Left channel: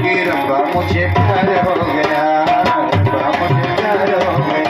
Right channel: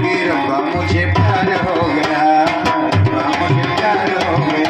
कि रब्बा मुझे प्यार हो गया, रब्बा मुझे प्यार हो गया।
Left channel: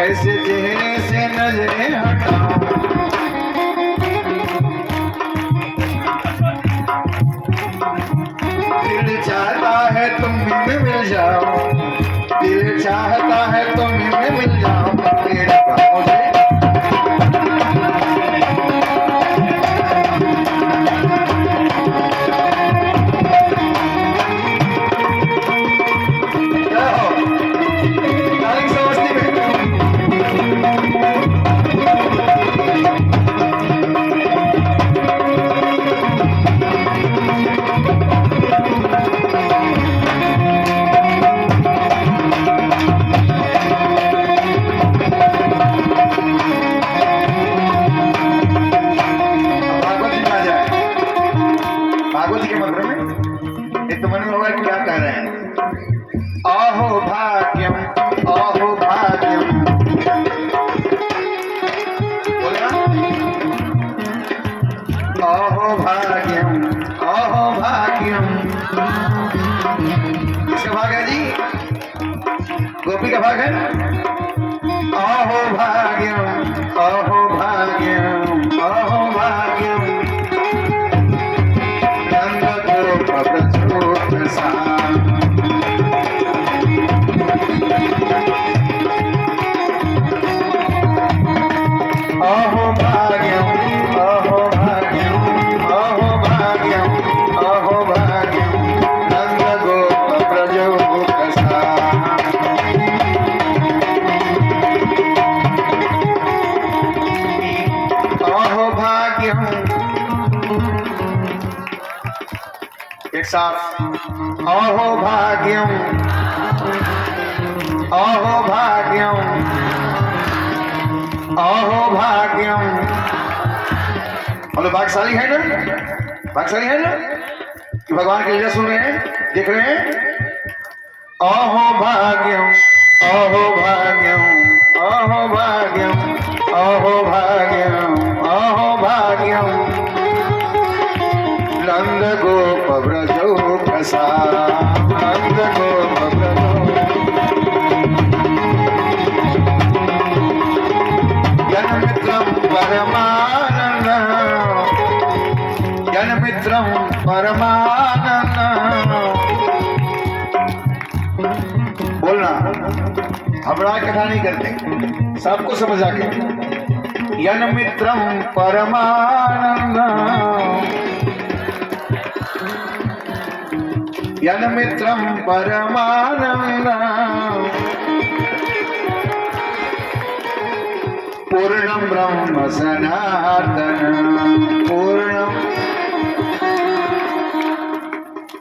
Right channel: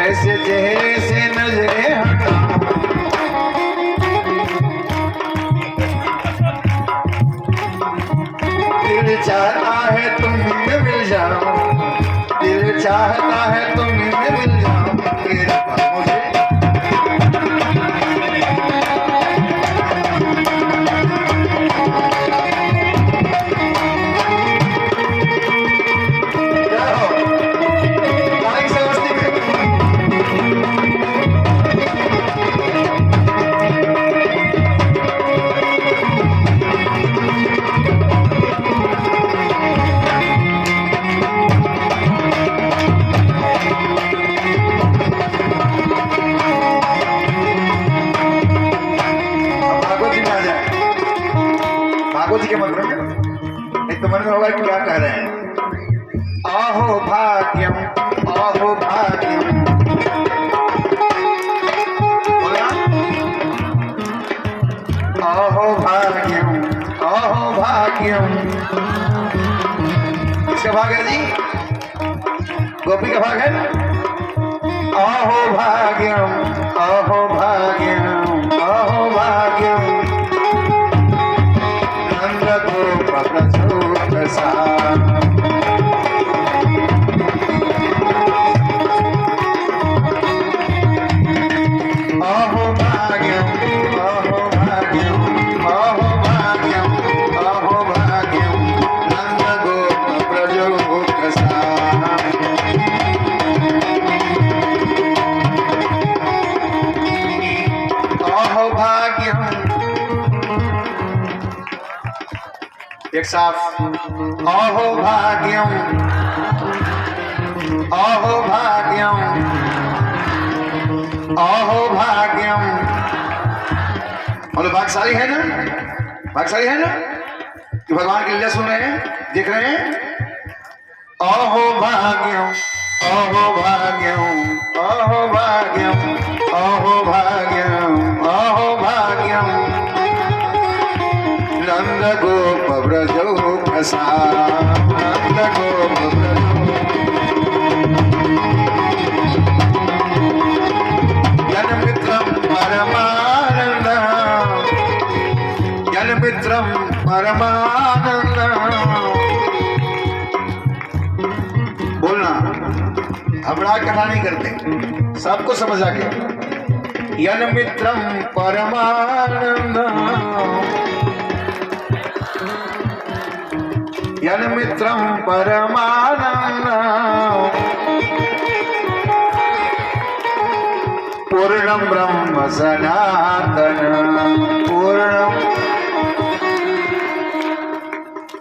ऐसे चेहरे से नजरें हटाओ, दिल चाहता है तुम में मिल जाओ, दिल चाहता है तुम में मिल जाओ। भागवत के मंत्र में एक तो मन में होगा क्या कह रहे हैं, अहो भाग्यम अहो भाग्यम, बोला अहो भाग्यम अहो भाग्यम। किसका भाग है जी? गोपी का भाग है। अहो भाग्यम अहो भाग्यम अहो भाग्यम, एक साफ अहो भाग्यम अहो भाग्यम अहो भाग्यम। बोलो भाग्यशाली है ना, भाग्यशाली है ना कि भगवान की लीला सुन रहे हैं, देख रहे हैं। अहो भाग्यम अहो भाग्यम अहो भाग्यम अहो भाग्यम अहो भाग्यम, नंद गोप ब्रजो प्रसाद, नंद गोप ब्रजो। जनमित्रम परमानंद, जनमित्रम परमानंद। बोलना, हम राग कथा नहीं करते, सबको समझ आ गया। जनमित्रम परमानंद, जनमित्रम परमानंद, पूर्णं ब्रह्म सनातन,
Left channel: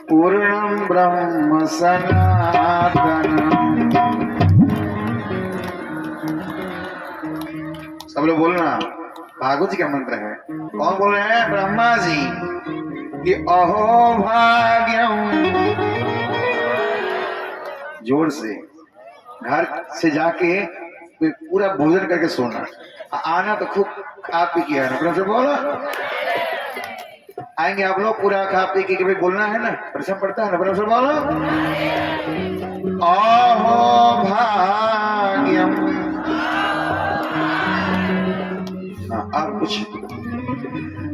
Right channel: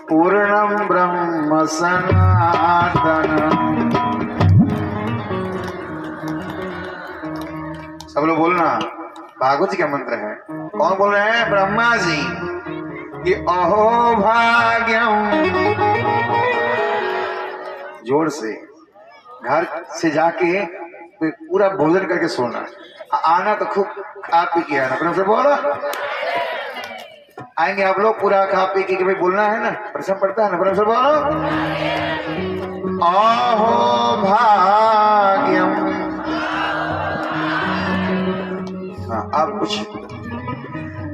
पूर्णं ब्रह्म सनातन। सब लोग बोलना, भागवत जी का मंत्र है। कौन बोल रहे हैं? ब्रह्मा जी कि अहो भाग्यम। जोर से घर से जाके पूरा भोजन करके सोना, आना तो खूब खा पी के आना। प्रभु से बोलो, आएंगे आप लोग पूरा खा पी के भाई बोलना है ना, प्रश्न पड़ता है ना। प्रभु से बोलो अहो भाग्यम। हाँ, आप कुछ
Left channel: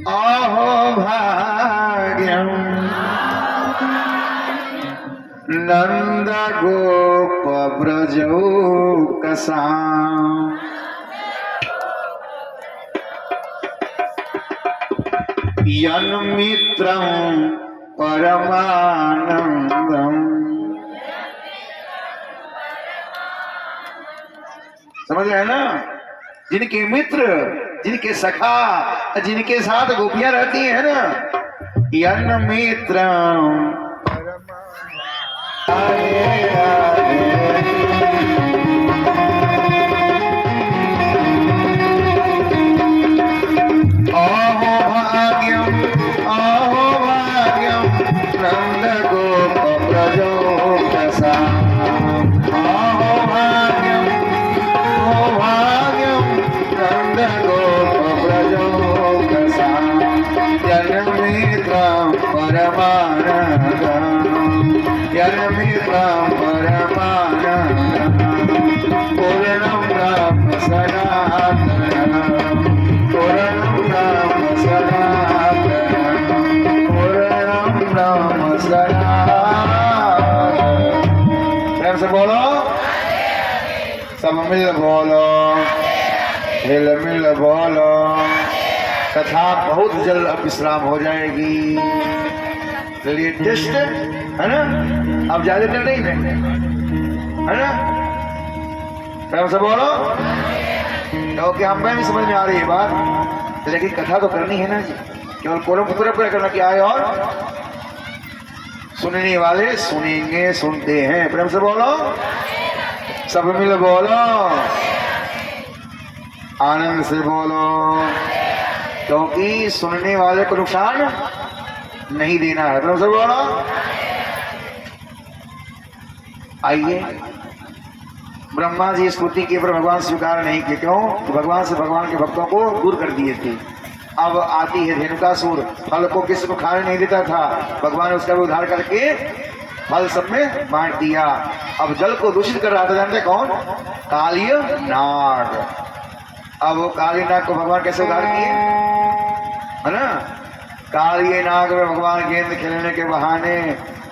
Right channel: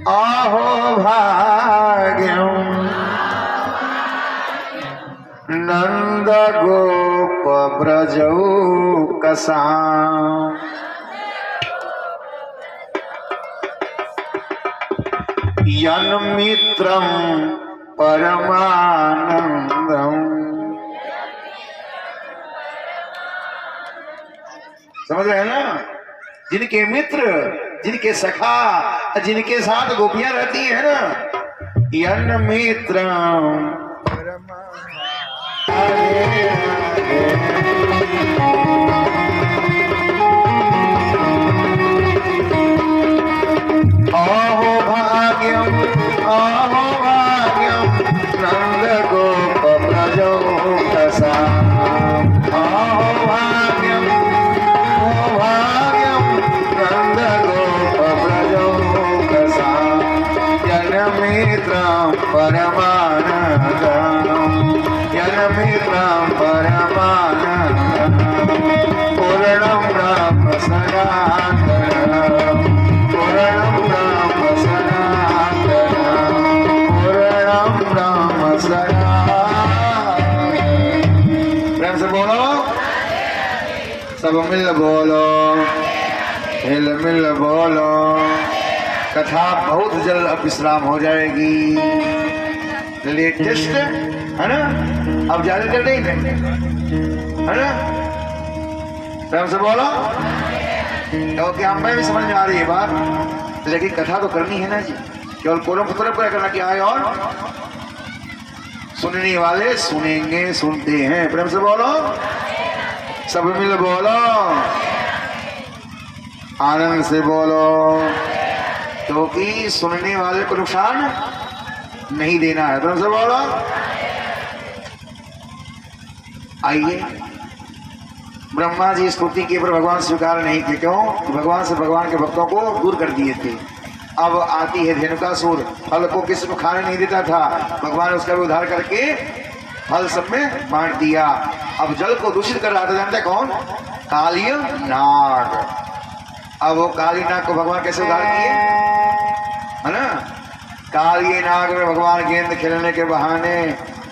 आहो भाग्यम नंद गोप ब्रजौ कसा यन्मित्रं परमानंदम। समझ रहे हैं ना? जिनके मित्र, जिनके सखा, जिनके साथ गोपियां रहती हैं ना, यन्मित्रं नंद गोप ब्रजौ कसा भाग्यम नंद गोप ब्रजौ कसा यन्मित्रं परमानंदम यन्मित्रं परमानंदम पूर्णं ब्रह्म सनातनम् पूर्णं ब्रह्म सनातनम् पूर्णं ब्रह्म सनातनम्। प्रेम से बोलो, सब मिल बोलो, हिल मिल बोलो। कथा बहुत जल्द अब विश्राम हो जाएगी। लेटेस्ट है ना, अब ज्यादा कर नहीं है ना? प्रेम से बोलो, क्योंकि हमें भी समझ में आ रही है बात, लेकिन कथा तो करनी है ना जी। केवल कोलम पुत्र पर करना क्या है, और सुनने वाले सुनेंगे, सुनते हैं। प्रेम से बोलो, सब मिल बोलो, आनंद से बोलो, क्योंकि सुनने वाले को नुकसान नहीं देना है। प्रेम से बोलो। आइए, ब्रह्मा जी स्तुति के पर भगवान स्वीकार नहीं किए। क्यों? भगवान से भगवान के भक्तों को दूर कर दिए थे। अब आती है धेनुकासुर, फल को किसी को खाने नहीं देता था, भगवान ने उसका भी उद्धार करके फल सब में बांट दिया। अब जल को दूषित कर रहा था, जानते कौन? कालिय नाग। अब वो काली नाग को भगवान कैसे उद्धार किए, है ना? कालिय नाग में भगवान गेंद खेलने के बहाने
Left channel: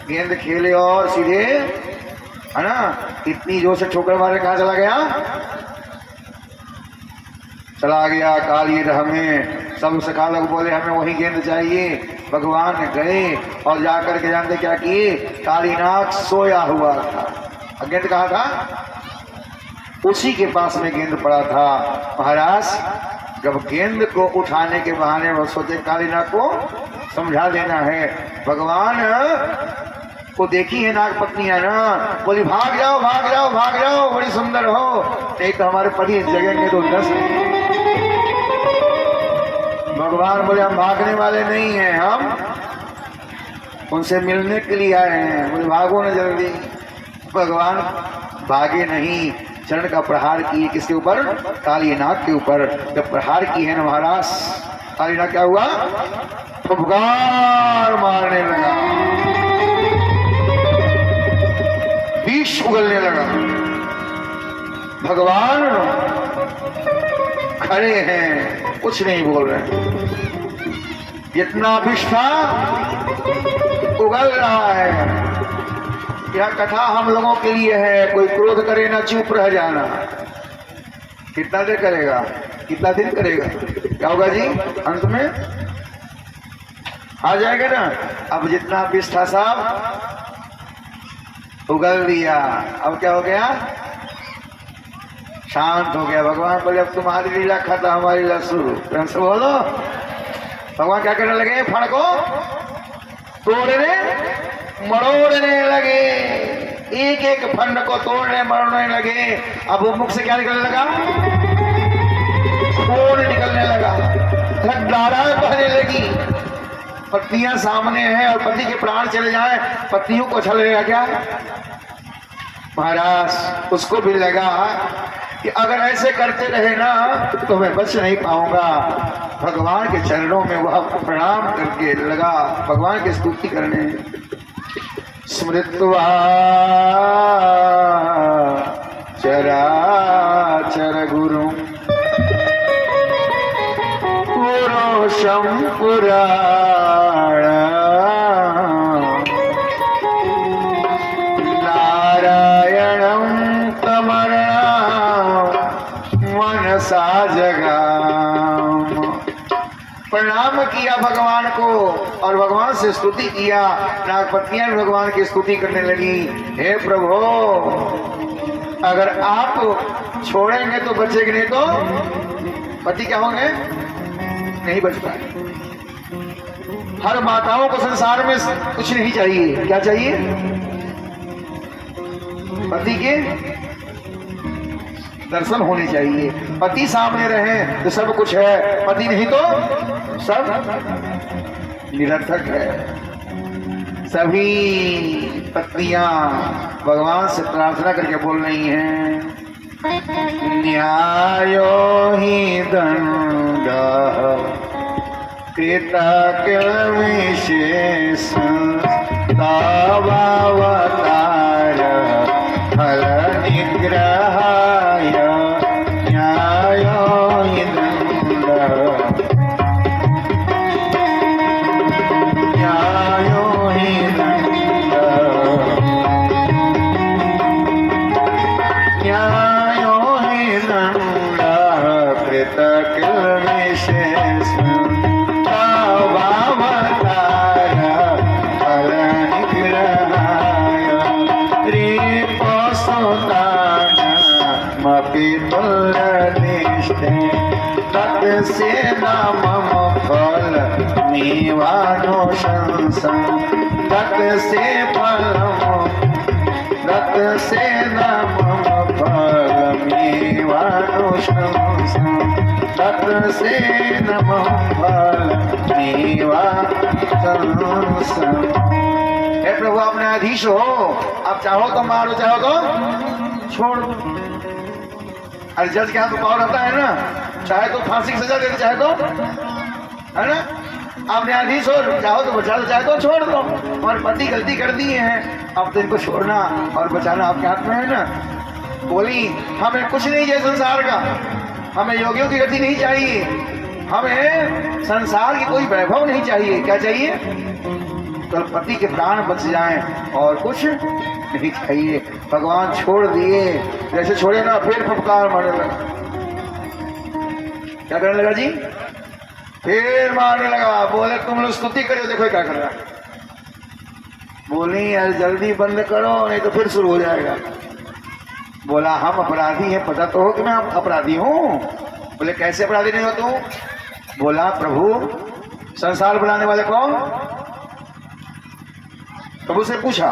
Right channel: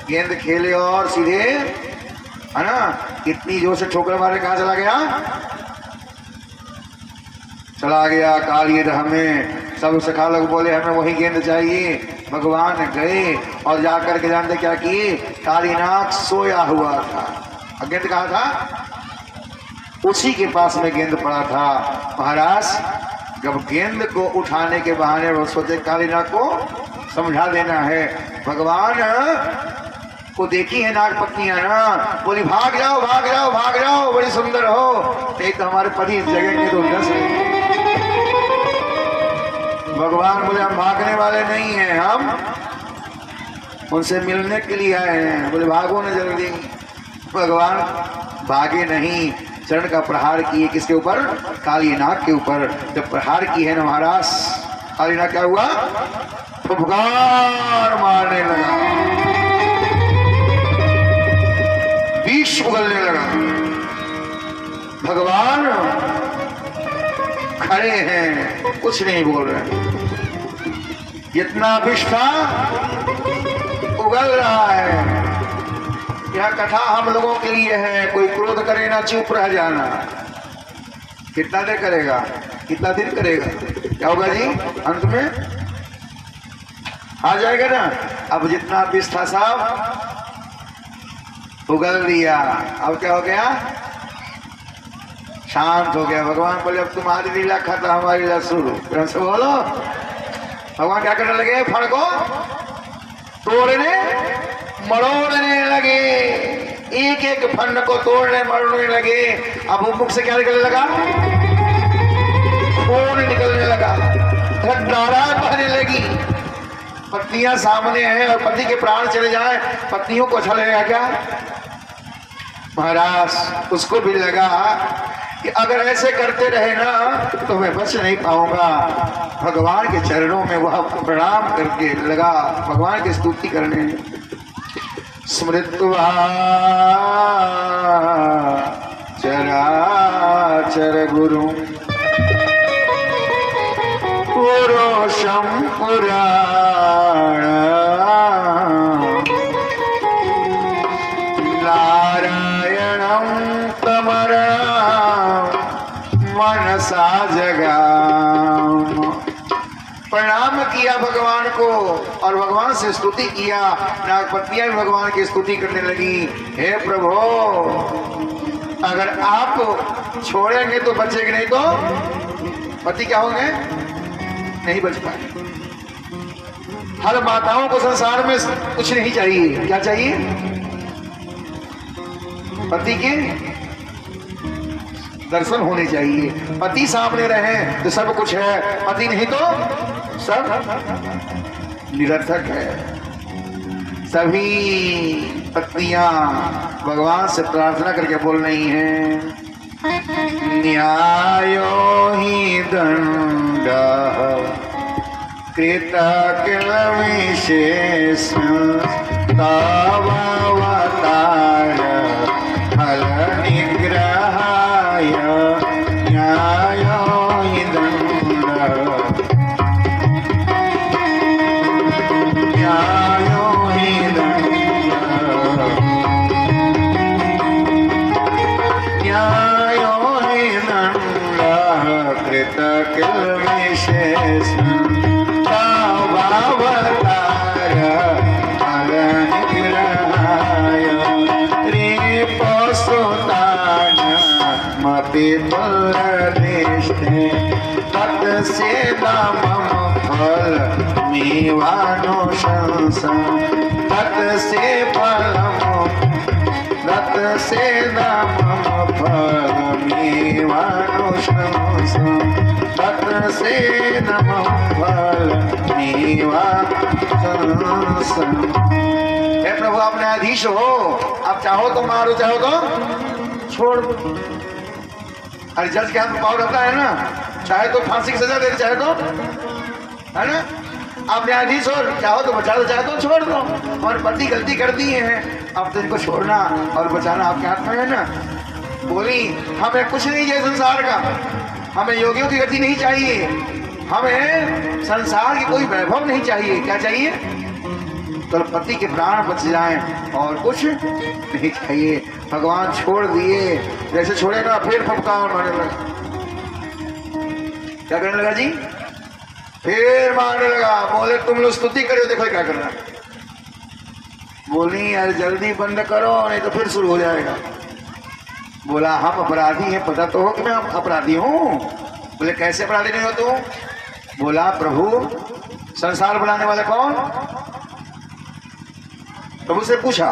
गेंद खेले और सीधे, है ना, इतनी जोर से ठोकर मारे, कहाँ चला गया? चला गया काली राह में। सब सखा लोग बोले हमें वही गेंद चाहिए। भगवान गए और जाकर के जानते क्या किए? कालीनाग सोया हुआ था, गेंद कहाँ था? उसी के पास में गेंद पड़ा था। महाराज जब गेंद को उठाने के बहाने सोचे कालीनाग को समझा देना है, भगवान को देखी है नाग पत्नियां ना, बोली भाग जाओ भाग जाओ भाग जाओ, बड़ी सुंदर हो, नहीं तो हमारे पति जगेंगे तो दस। भगवान बोले हम भागने वाले नहीं हैं, हम उनसे मिलने के लिए आए हैं। बोले भागो ना जल्दी। भगवान भागे नहीं, चरण का प्रहार किए। किसके ऊपर? कालीनाग के ऊपर। जब प्रहार की है ना महाराज, कालीनाग क्या हुआ? फुफकार मारने लगा, विष उगलने लगा। भगवान खड़े हैं, कुछ नहीं बोल रहे। जितना विष था उगल रहा है। यह कथा हम लोगों के लिए है। कोई क्रोध करे ना, चुप रह जाना। कितना देर करेगा, कितना दिन करेगा? क्या होगा जी? अंत में आ जाएगा ना। अब जितना विष था सब उगल दिया। अब क्या हो गया? शांत हो गया। भगवान बोले अब तुम्हारी लीला खत्म, हमारी लीला शुरू। से बोलो। भगवान क्या करने लगे? फल को तोड़ने मरोड़ने लगे, एक एक फंड को तोड़ने मरोड़ने लगे। अब वो मुख से क्या निकलने लगा? खून निकलने लगा, धारा बहने लगी। पत्नियां सामने हैं और पति के प्राण चले जाएं, पत्नियों को अच्छा लगेगा क्या? महाराज उसको भी लगा कि अगर ऐसे करते रहे ना तो मैं बच नहीं पाऊंगा। भगवान के चरणों में वह प्रणाम करके लगा भगवान की स्तुति करने। स्मृत्वा चराचर गुरु पुरुषं पुराण नारायणं तमरणं मनसा जगाम। प्रणाम किया भगवान को और भगवान से स्तुति किया। नागपतियां भगवान की स्तुति करने लगी, हे प्रभु अगर आप छोड़ेंगे तो बचेंगे, नहीं तो पति क्या होंगे, नहीं बच पाए। हर माताओं को संसार में कुछ नहीं चाहिए, क्या चाहिए, पति के दर्शन होने चाहिए। पति सामने रहे तो सब कुछ है, पति नहीं तो सब निरर्थक है। सभी पत्नियां भगवान से प्रार्थना करके बोल रही हैं, न्यायो हि दंड कृता किल विशेष तवावतार फल निग्रहाय न्यायो हि दंड न्यायो हि दंड न्यायो हि दंड कृत किल विशेष तवावतार फल निग्रहाय रिपोस्तुतान मपि तुल्यदिष्टे तत्से मम फल मीवानुशंसं तत्से मम फल मीवानुशंसं तत्से मम फल मीवानुशंसं। हे प्रभु आप न्यायाधीश हो, आप चाहो तो मारो, चाहो तो छोड़ दो। अरे जज के हाथ में पावर रहता है ना, चाहे तो फांसी की सजा दे दे, चाहे तो, है ना, आप न्यायाधीश हो, चाहो तो बचा दो, चाहे तो छोड़ दो। हमारे पति गलती कर दिए हैं, अब तो इनको छोड़ना और बचाना आपके हाथ में है ना। बोली हमें कुछ नहीं चाहिए संसार का, हमें योगियों की गति नहीं चाहिए, हमें संसार की कोई वैभव नहीं चाहिए। क्या चाहिए, तो पति के प्राण बच जाएं और कुछ नहीं चाहिए। भगवान छोड़ दिए, जैसे छोड़ेगा फिर फुफकार मारने लगा। क्या करने लगा जी, फिर मारने लगा। बोले तुम लोग स्तुति करो, देखो क्या कर रहा है। बोली यार जल्दी बंद करो नहीं तो फिर शुरू हो जाएगा। बोला हम अपराधी हैं, पता तो हो कि मैं अपराधी हूँ। बोले कैसे अपराधी नहीं हो तुम? बोला प्रभु संसार बनाने वाले कौन? प्रभु से पूछा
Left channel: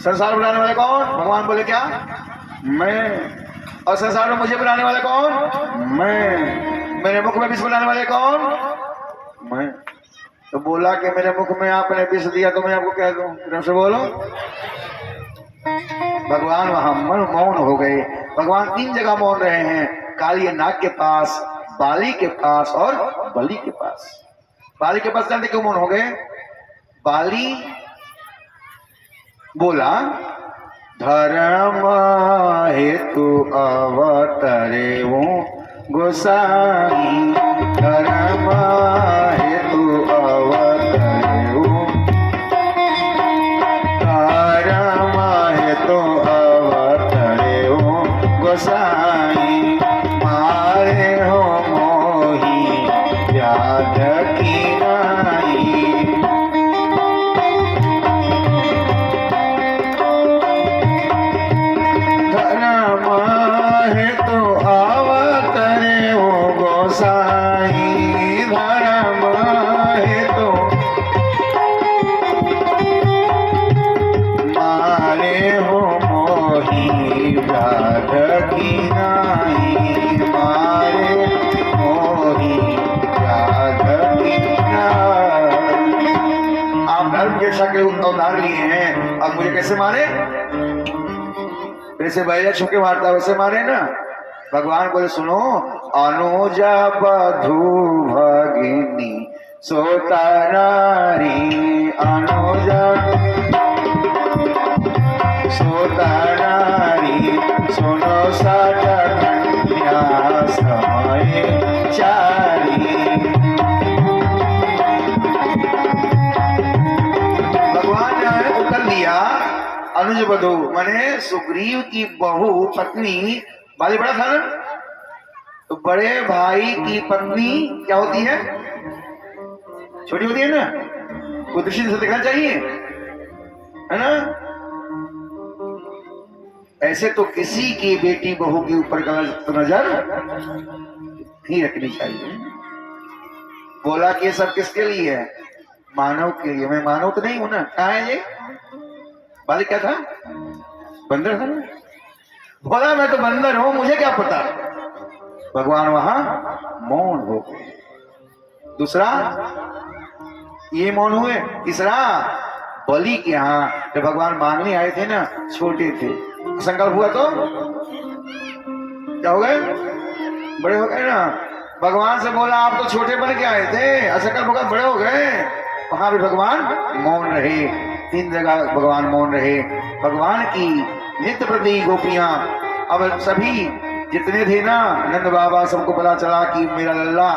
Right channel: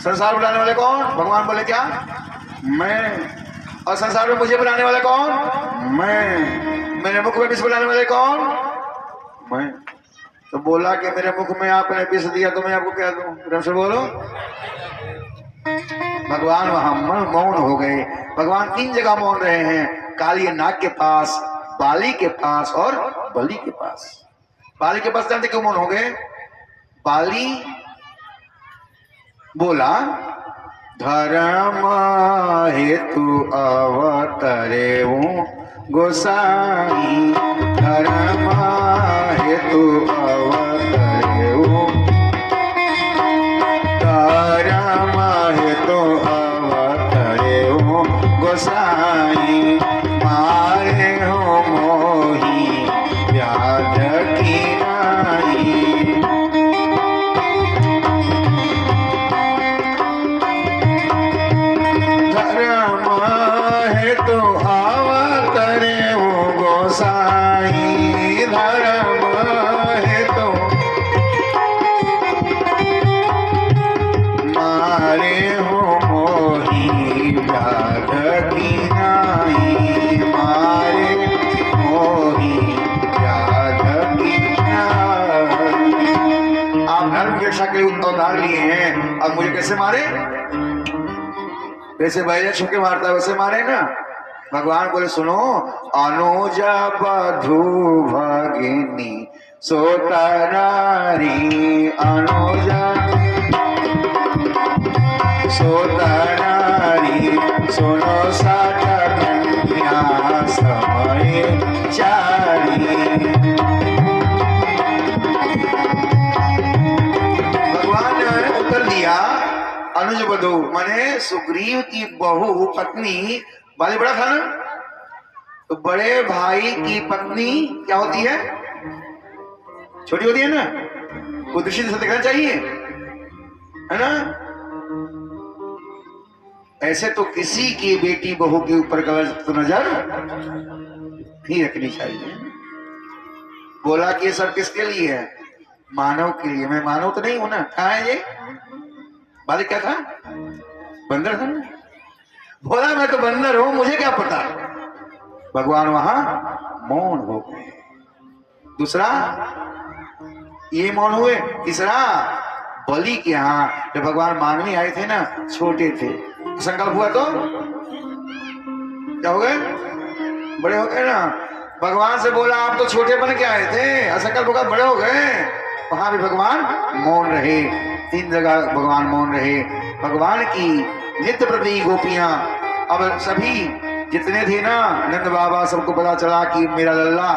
संसार बनाने वाले कौन? भगवान बोले क्या, मैं। और संसार में मुझे बनाने वाले कौन? मैं। मेरे मुख में विष बनाने वाले कौन? मैं। तो बोला कि मेरे मुख में आपने विष दिया तो मैं आपको कह दूं, एकदम से बोलो। भगवान वहां मौन हो गए। भगवान 3 जगह मौन रहे हैं, काली नाग के पास, बाली के पास और बलि के पास। बाली के पास जानते क्यों मौन हो गए? बाली बोला धर्म हेतु अवतरे गोसाई, धर्म हेतु अवतरे धर्म हेतु अवतरे गोसाई, मारे हो मोही व्याध की नाई। उतार लिए हैं, अब मुझे कैसे मारे? वैसे बैजा छुके मारता है वैसे मारे ना। भगवान बोले सुनो, अनुजा बधू भगिनी सोता नारी, अनुजा सोता नारी, सुनो साठ कन्या समय चारी। वधु माने सुग्रीव की बहू पत्नी बाली बड़ा था ना, तो बड़े भाई की पत्नी क्या होती है, छोटी होती है ना, वो दृष्टि से देखना चाहिए, है ना। ऐसे तो किसी की बेटी बहू के ऊपर गलत नजर नहीं रखनी चाहिए। बोला कि ये सब किसके लिए है, मानव के लिए। मैं मानव तो नहीं हूं ना, कहा है ये बालिक, क्या था, बंदर था ना। बोला मैं तो बंदर हूं, मुझे क्या पता। भगवान वहां मौन हो गए। दूसरा ये मौन हुए। तीसरा बलि के यहाँ जब भगवान मांगने आए थे ना, छोटे थे, संकल्प हुआ तो क्या हो गए, बड़े हो गए ना। भगवान से बोला आप तो छोटे बन के आए थे, असंकल्प होकर बड़े हो गए। वहां भी भगवान मौन रहे, 3 जगह भगवान मौन रहे। भगवान की नित्य प्रति गोपियां, अब सभी जितने थे ना, नंद बाबा, सबको पता चला कि मेरा लल्ला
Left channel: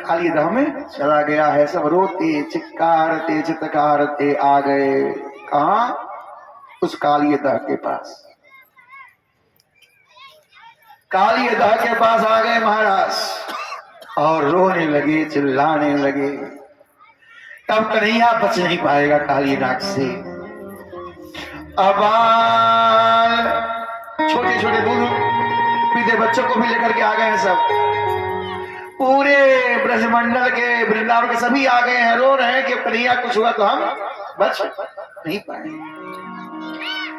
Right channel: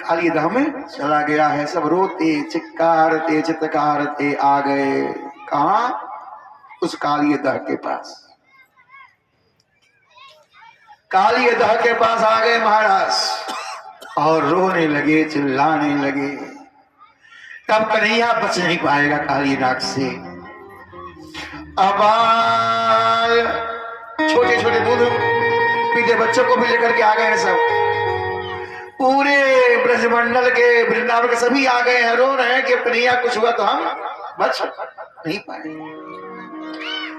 काली दह में चला गया है। सब रोते चिक्कारते चित्कारते आ गए, कहा, उस काली दह के पास। काली दह के पास आ गए महाराज, और रोने लगे, चिल्लाने लगे। तब कन्हैया बच नहीं पाएगा काली नाग से। अब छोटे छोटे बूढ़ पीते बच्चों को भी लेकर के आ गए हैं सब। पूरे ब्रजमंडल के, वृंदावन के सभी आ गए हैं, रो रहे हैं कि कन्हैया कुछ हुआ तो हम बच नहीं पाए।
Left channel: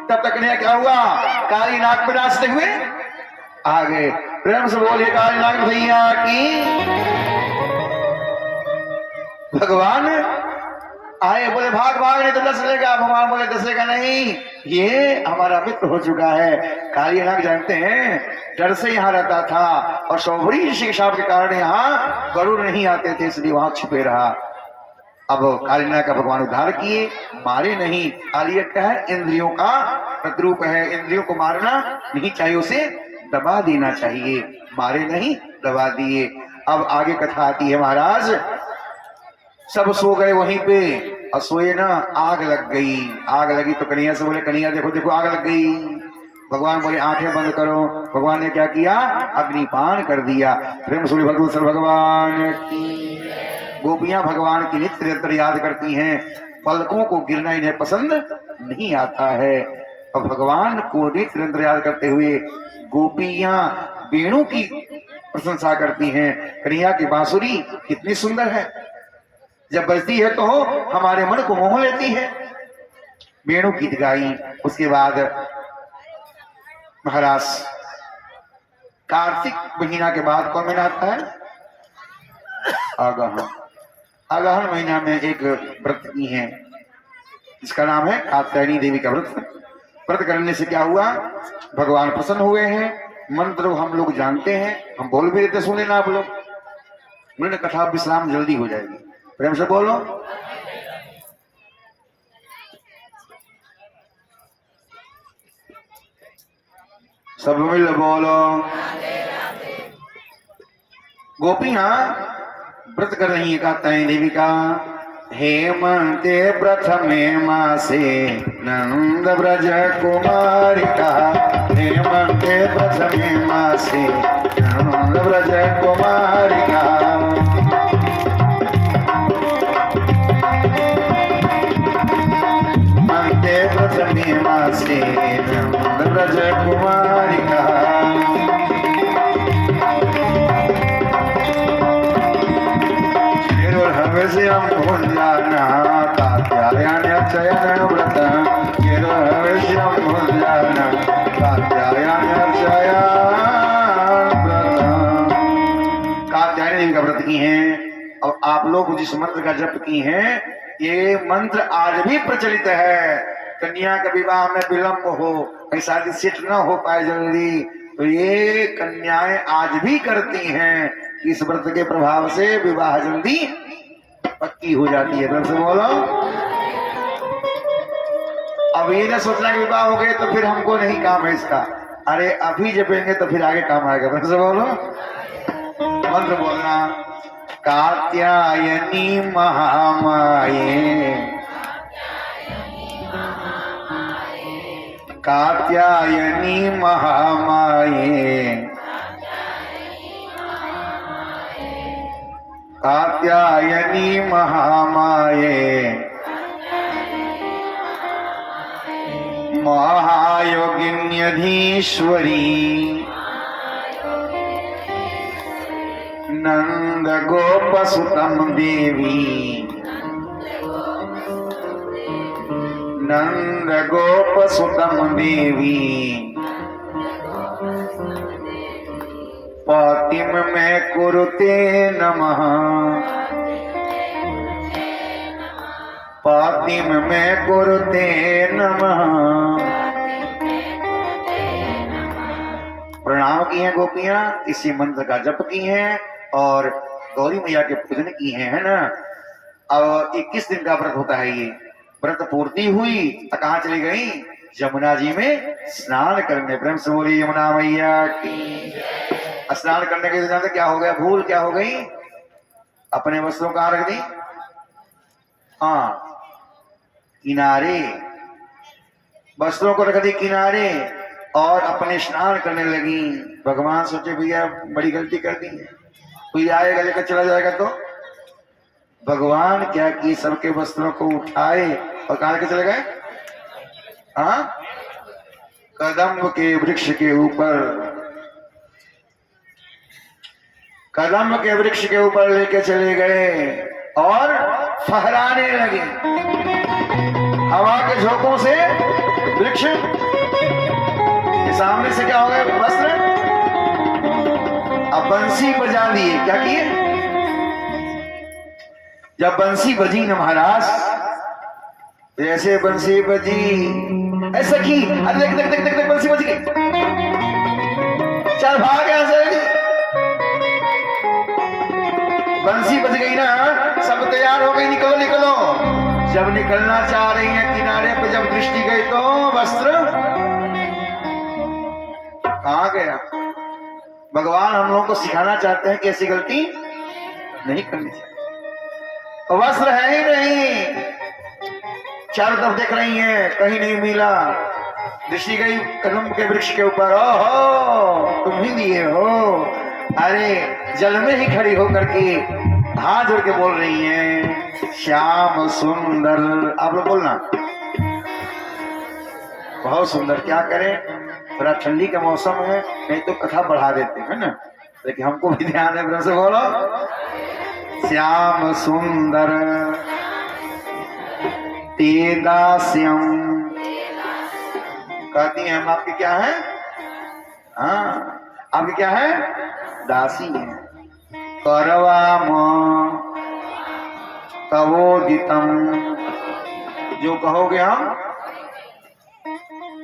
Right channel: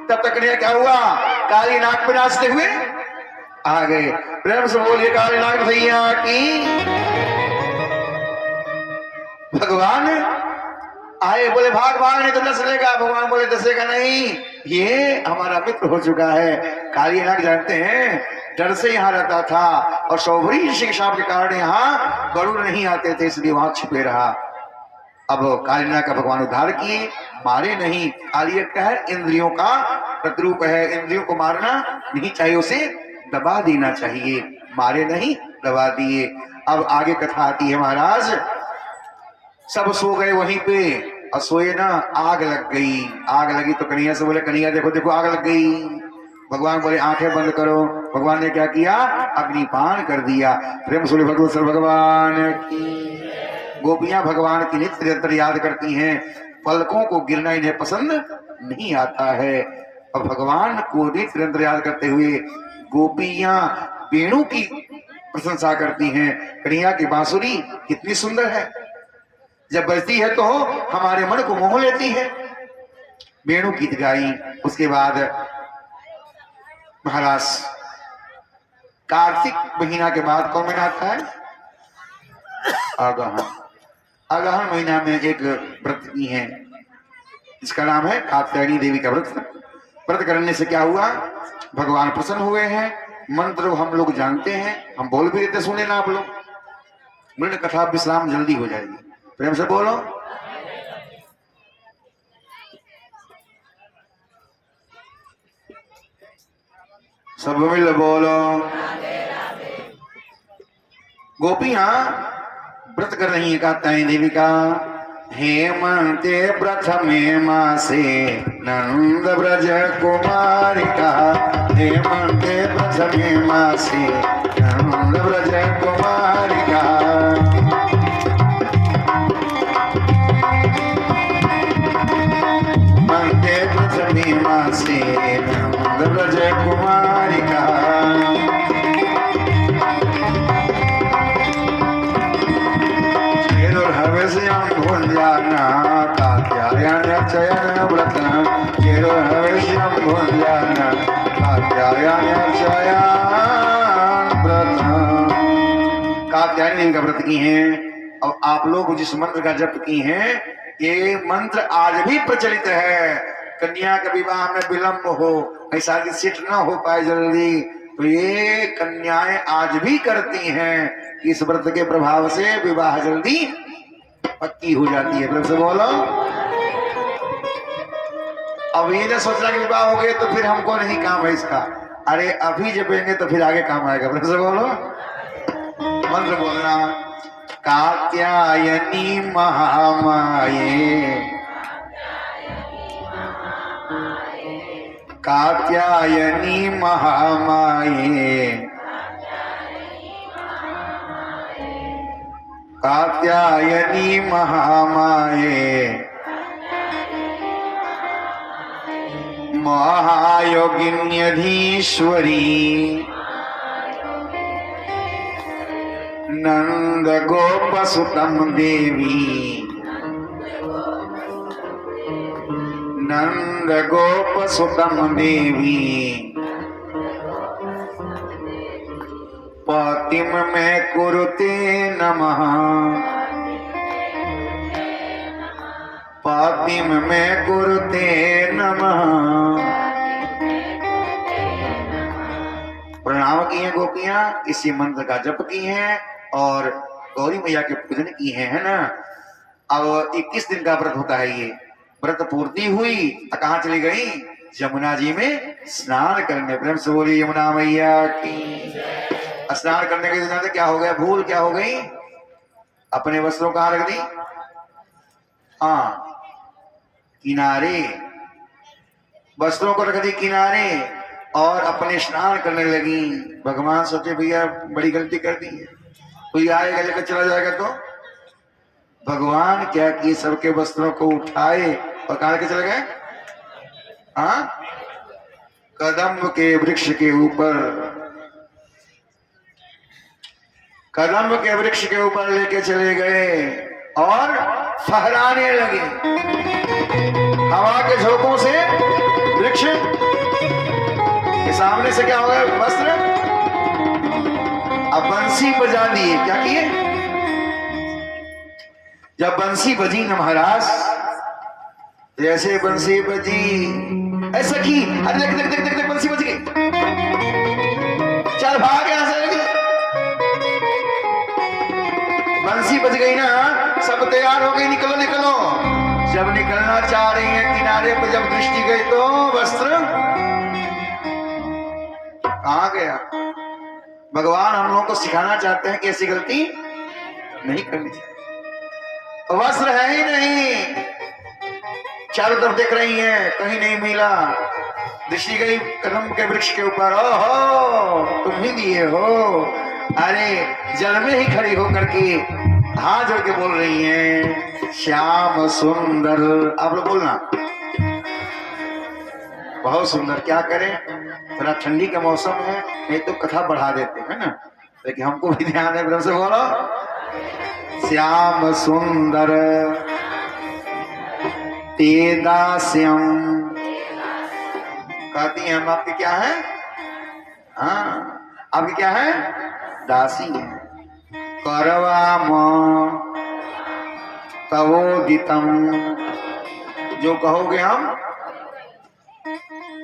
तब तक कन्हैया क्या हुआ, काली नाग पे नाचते हुए आ गए। प्रेम से बोलिए काली नाग भैया की। भगवान आए, बोले भाग भाग नहीं तो डस लेगा। भगवान बोले डसेगा नहीं, ये हमारा मित्र हो चुका है। काली नाग जानते हैं डर से यहाँ रहता था, और सौभरी ऋषि के शाप के कारण यहाँ गरुड़ नहीं आते थे, इसलिए वहां छिपे रहा। अब काली नाग का भगवान उद्धार किए, मारे नहीं। काली क्या है, इंद्रियों का प्रतिरूप है, इंद्रियों को मारना नहीं चाहिए, उसे दबा देना चाहिए, मारे नहीं दबा दिए। अब आगे कथा आती है महाराज। सब सो गए वहीं पे, और सोए ना, आग लग गई। आग लगी तो कन्हैया से बोले, कन्हैया देखो देखो आग लग गई। भगवान बोले आंखें बंद करो। भगवान ने क्या किया, अग्निपान कर दिया। प्रेम सूर्य भगवत भगवान की। गोपियां भगवान की नित्य निरंतर याद करती हैं, पलकों को गिरना इन्हें पसंद नहीं आता है। और भगवान को नित्य निरंतर याद करते हुए गोपियां वेणु की प्रशंसा करती हैं। कन्हैया की बांसुरी कितनी सुंदर है, जब बजती है तो हमारे मन को मोह लेती है। वेणु गीत गाई। उसके बाद महाराज कार्तिक महीना के बाद कौन महीना आता है, अगहन। अगहन महीना में एक व्रत की है, जिसका नाम है कात्यायनी देवी का व्रत। व्रत करने से क्या हुआ, भगवान प्रसन्न हुए हैं। मंत्र हम लोग जानते हैं, हम बोल भी देते, सुन लेना आप लोग। मेरे कथा विश्राम जल्दी हो जाएगी, प्रेम से बोलो। सब मिल बोलो। गोपियां व्रत कर रही है कात्यायनी देवी का। हेमंते प्रथमे मासे नंद ब्रज कुमारिका। हेमंते प्रथमे मासे नंद ब्रज कुमारिका। हेमंते प्रथमे मासे नंद ब्रज कुमारिका। कात्यायन व्रत कात्यायनी का व्रत की हैं। और आप लोग जिस मंत्र का जप की हैं, ये मंत्र आज भी प्रचलित है। कन्या का विवाह में विलंब हो, ऐसा सेट न हो पाए जल्दी, तो ये कन्याएं आज भी करती हैं। इस व्रत के प्रभाव से विवाह जल्दी पक्की हो जाती है। फिर से बोलो। अब ये ना सोचना कि विवाह हो गए तो फिर हमको नहीं काम है इसका। अरे अभी जपेंगे तो फिर आगे काम आएगा। फिर से बोलो, मंत्र बोलना। कात्यायनी महामाये कात्यायनी महामाये, कात्यायनी महामाये, महायोगिन्यधीश्वरी, नंद गोपसुतम देवी, नंद गोपसुतम देवी, पतिम में कुरुते नमः, पतिम में कुरुते नमः। प्रणाम की हैं गोपियां, इसी मंत्र का जप की हैं और गौरी मैया के पूजन की है ना। अब 21 दिन का व्रत होता है। ये व्रत पूर्ति हुई तो कहाँ चली गई? यमुना जी में स्नान करने। प्रेम से बोली यमुना मैया की। स्नान करने के दिन क्या हो गया? भूल क्या हो गई? अपने वस्त्रों कहाँ रख दी? हाँ, किनारे, वस्त्रों को रख दी किनारे और अपने स्नान करने लगी। भगवान सोचे भैया बड़ी गलती कर दी है, कोई आएगा लेकर चला जाएगा तो। भगवान क्या किए, सबके वस्त्रों को उठाए और कहाँ लेकर चले गए? हाँ, कदम्ब के वृक्ष के ऊपर, कदम्ब के वृक्ष के ऊपर लेके चले गए और फहराने लगे हवा के झोंकों से। वृक्ष के सामने से क्या हो गए? वस्त्र। अब बंसी बजा लिए। क्या किए? जब बंसी बजी न महाराज, जैसे बंसी बजी, ऐसा की, अरे देख देख देख देख देख बंसी बज गई, चल भाग यहां से। बंसी बज गई ना, सब तैयार हो गई, निकलो निकलो। जब निकलना चाह रही है किनारे पे, जब दृष्टि गई तो वस्त्र कहां गया? भगवान हम लोगों को सिखाना चाहते हैं कि ऐसी गलती नहीं करनी चाहिए। तो वस्त्र है ही नहीं, चारों तरफ देख रही हैं, कहीं नहीं मिला। दृष्टि गई कदम के वृक्ष के ऊपर, ओहो तुम ही दिए हो। अरे जल में ही खड़ी होकर के हाथ जोड़ के बोल रही हैं, श्याम सुंदर। आप लोग बोलना, बहुत सुंदर। क्या करें, थोड़ा ठंडी का मौसम है, नहीं तो कथा बढ़ा देते हैं ना, लेकिन हमको भी ध्यान है। से बोलो, श्याम सुंदर तेदास्यम। कहती हैं हम आपके क्या है? हाँ, आपके क्या है? दासी है। करवाम कवोदितम, जो कहोगे हम।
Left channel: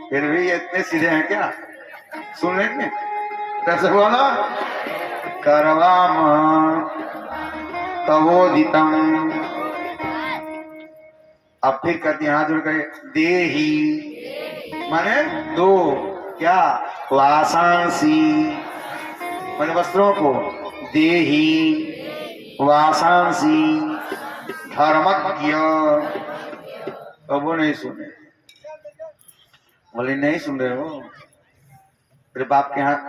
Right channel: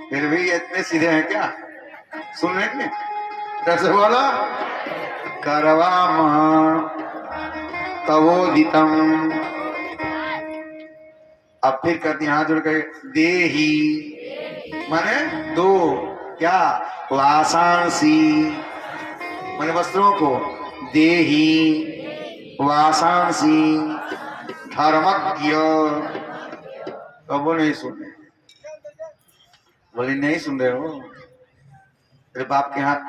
फिर भी इतने सीधे हैं क्या? सुन लेंगे कैसे? बोलो, करवाम कवोदितम। अब फिर कहती हाथ जोड़ के, देही माने दो, क्या? वासांसी माने वस्त्रों को, देही वासांसी धर्मज्ञ। कबो नहीं सुने, बोले नहीं सुन रहे हो? तेरे बाप के हाथ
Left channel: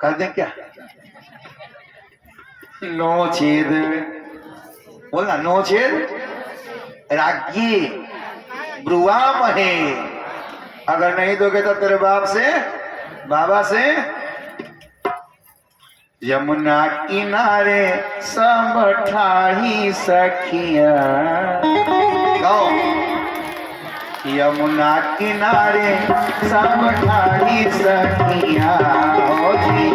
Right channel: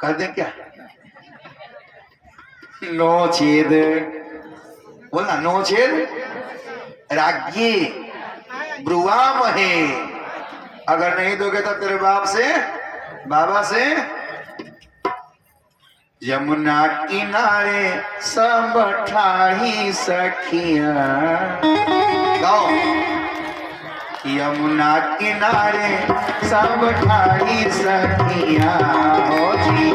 कर दें क्या? नो छेद, बोलना नो छेद राज्ञी ब्रुआ महे। अगर नहीं दोगे तो तेरे बाप से, बाबा से। यमुना किनारे सब ठाही सखिया, गाओ। यमुना किनारे सब ठाही सखिया, ओ जी।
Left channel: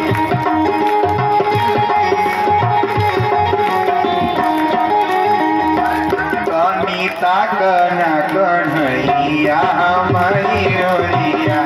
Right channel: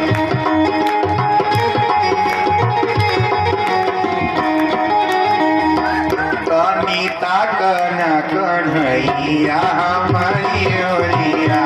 कनिता कन कन्हैया हमारी ओरिया,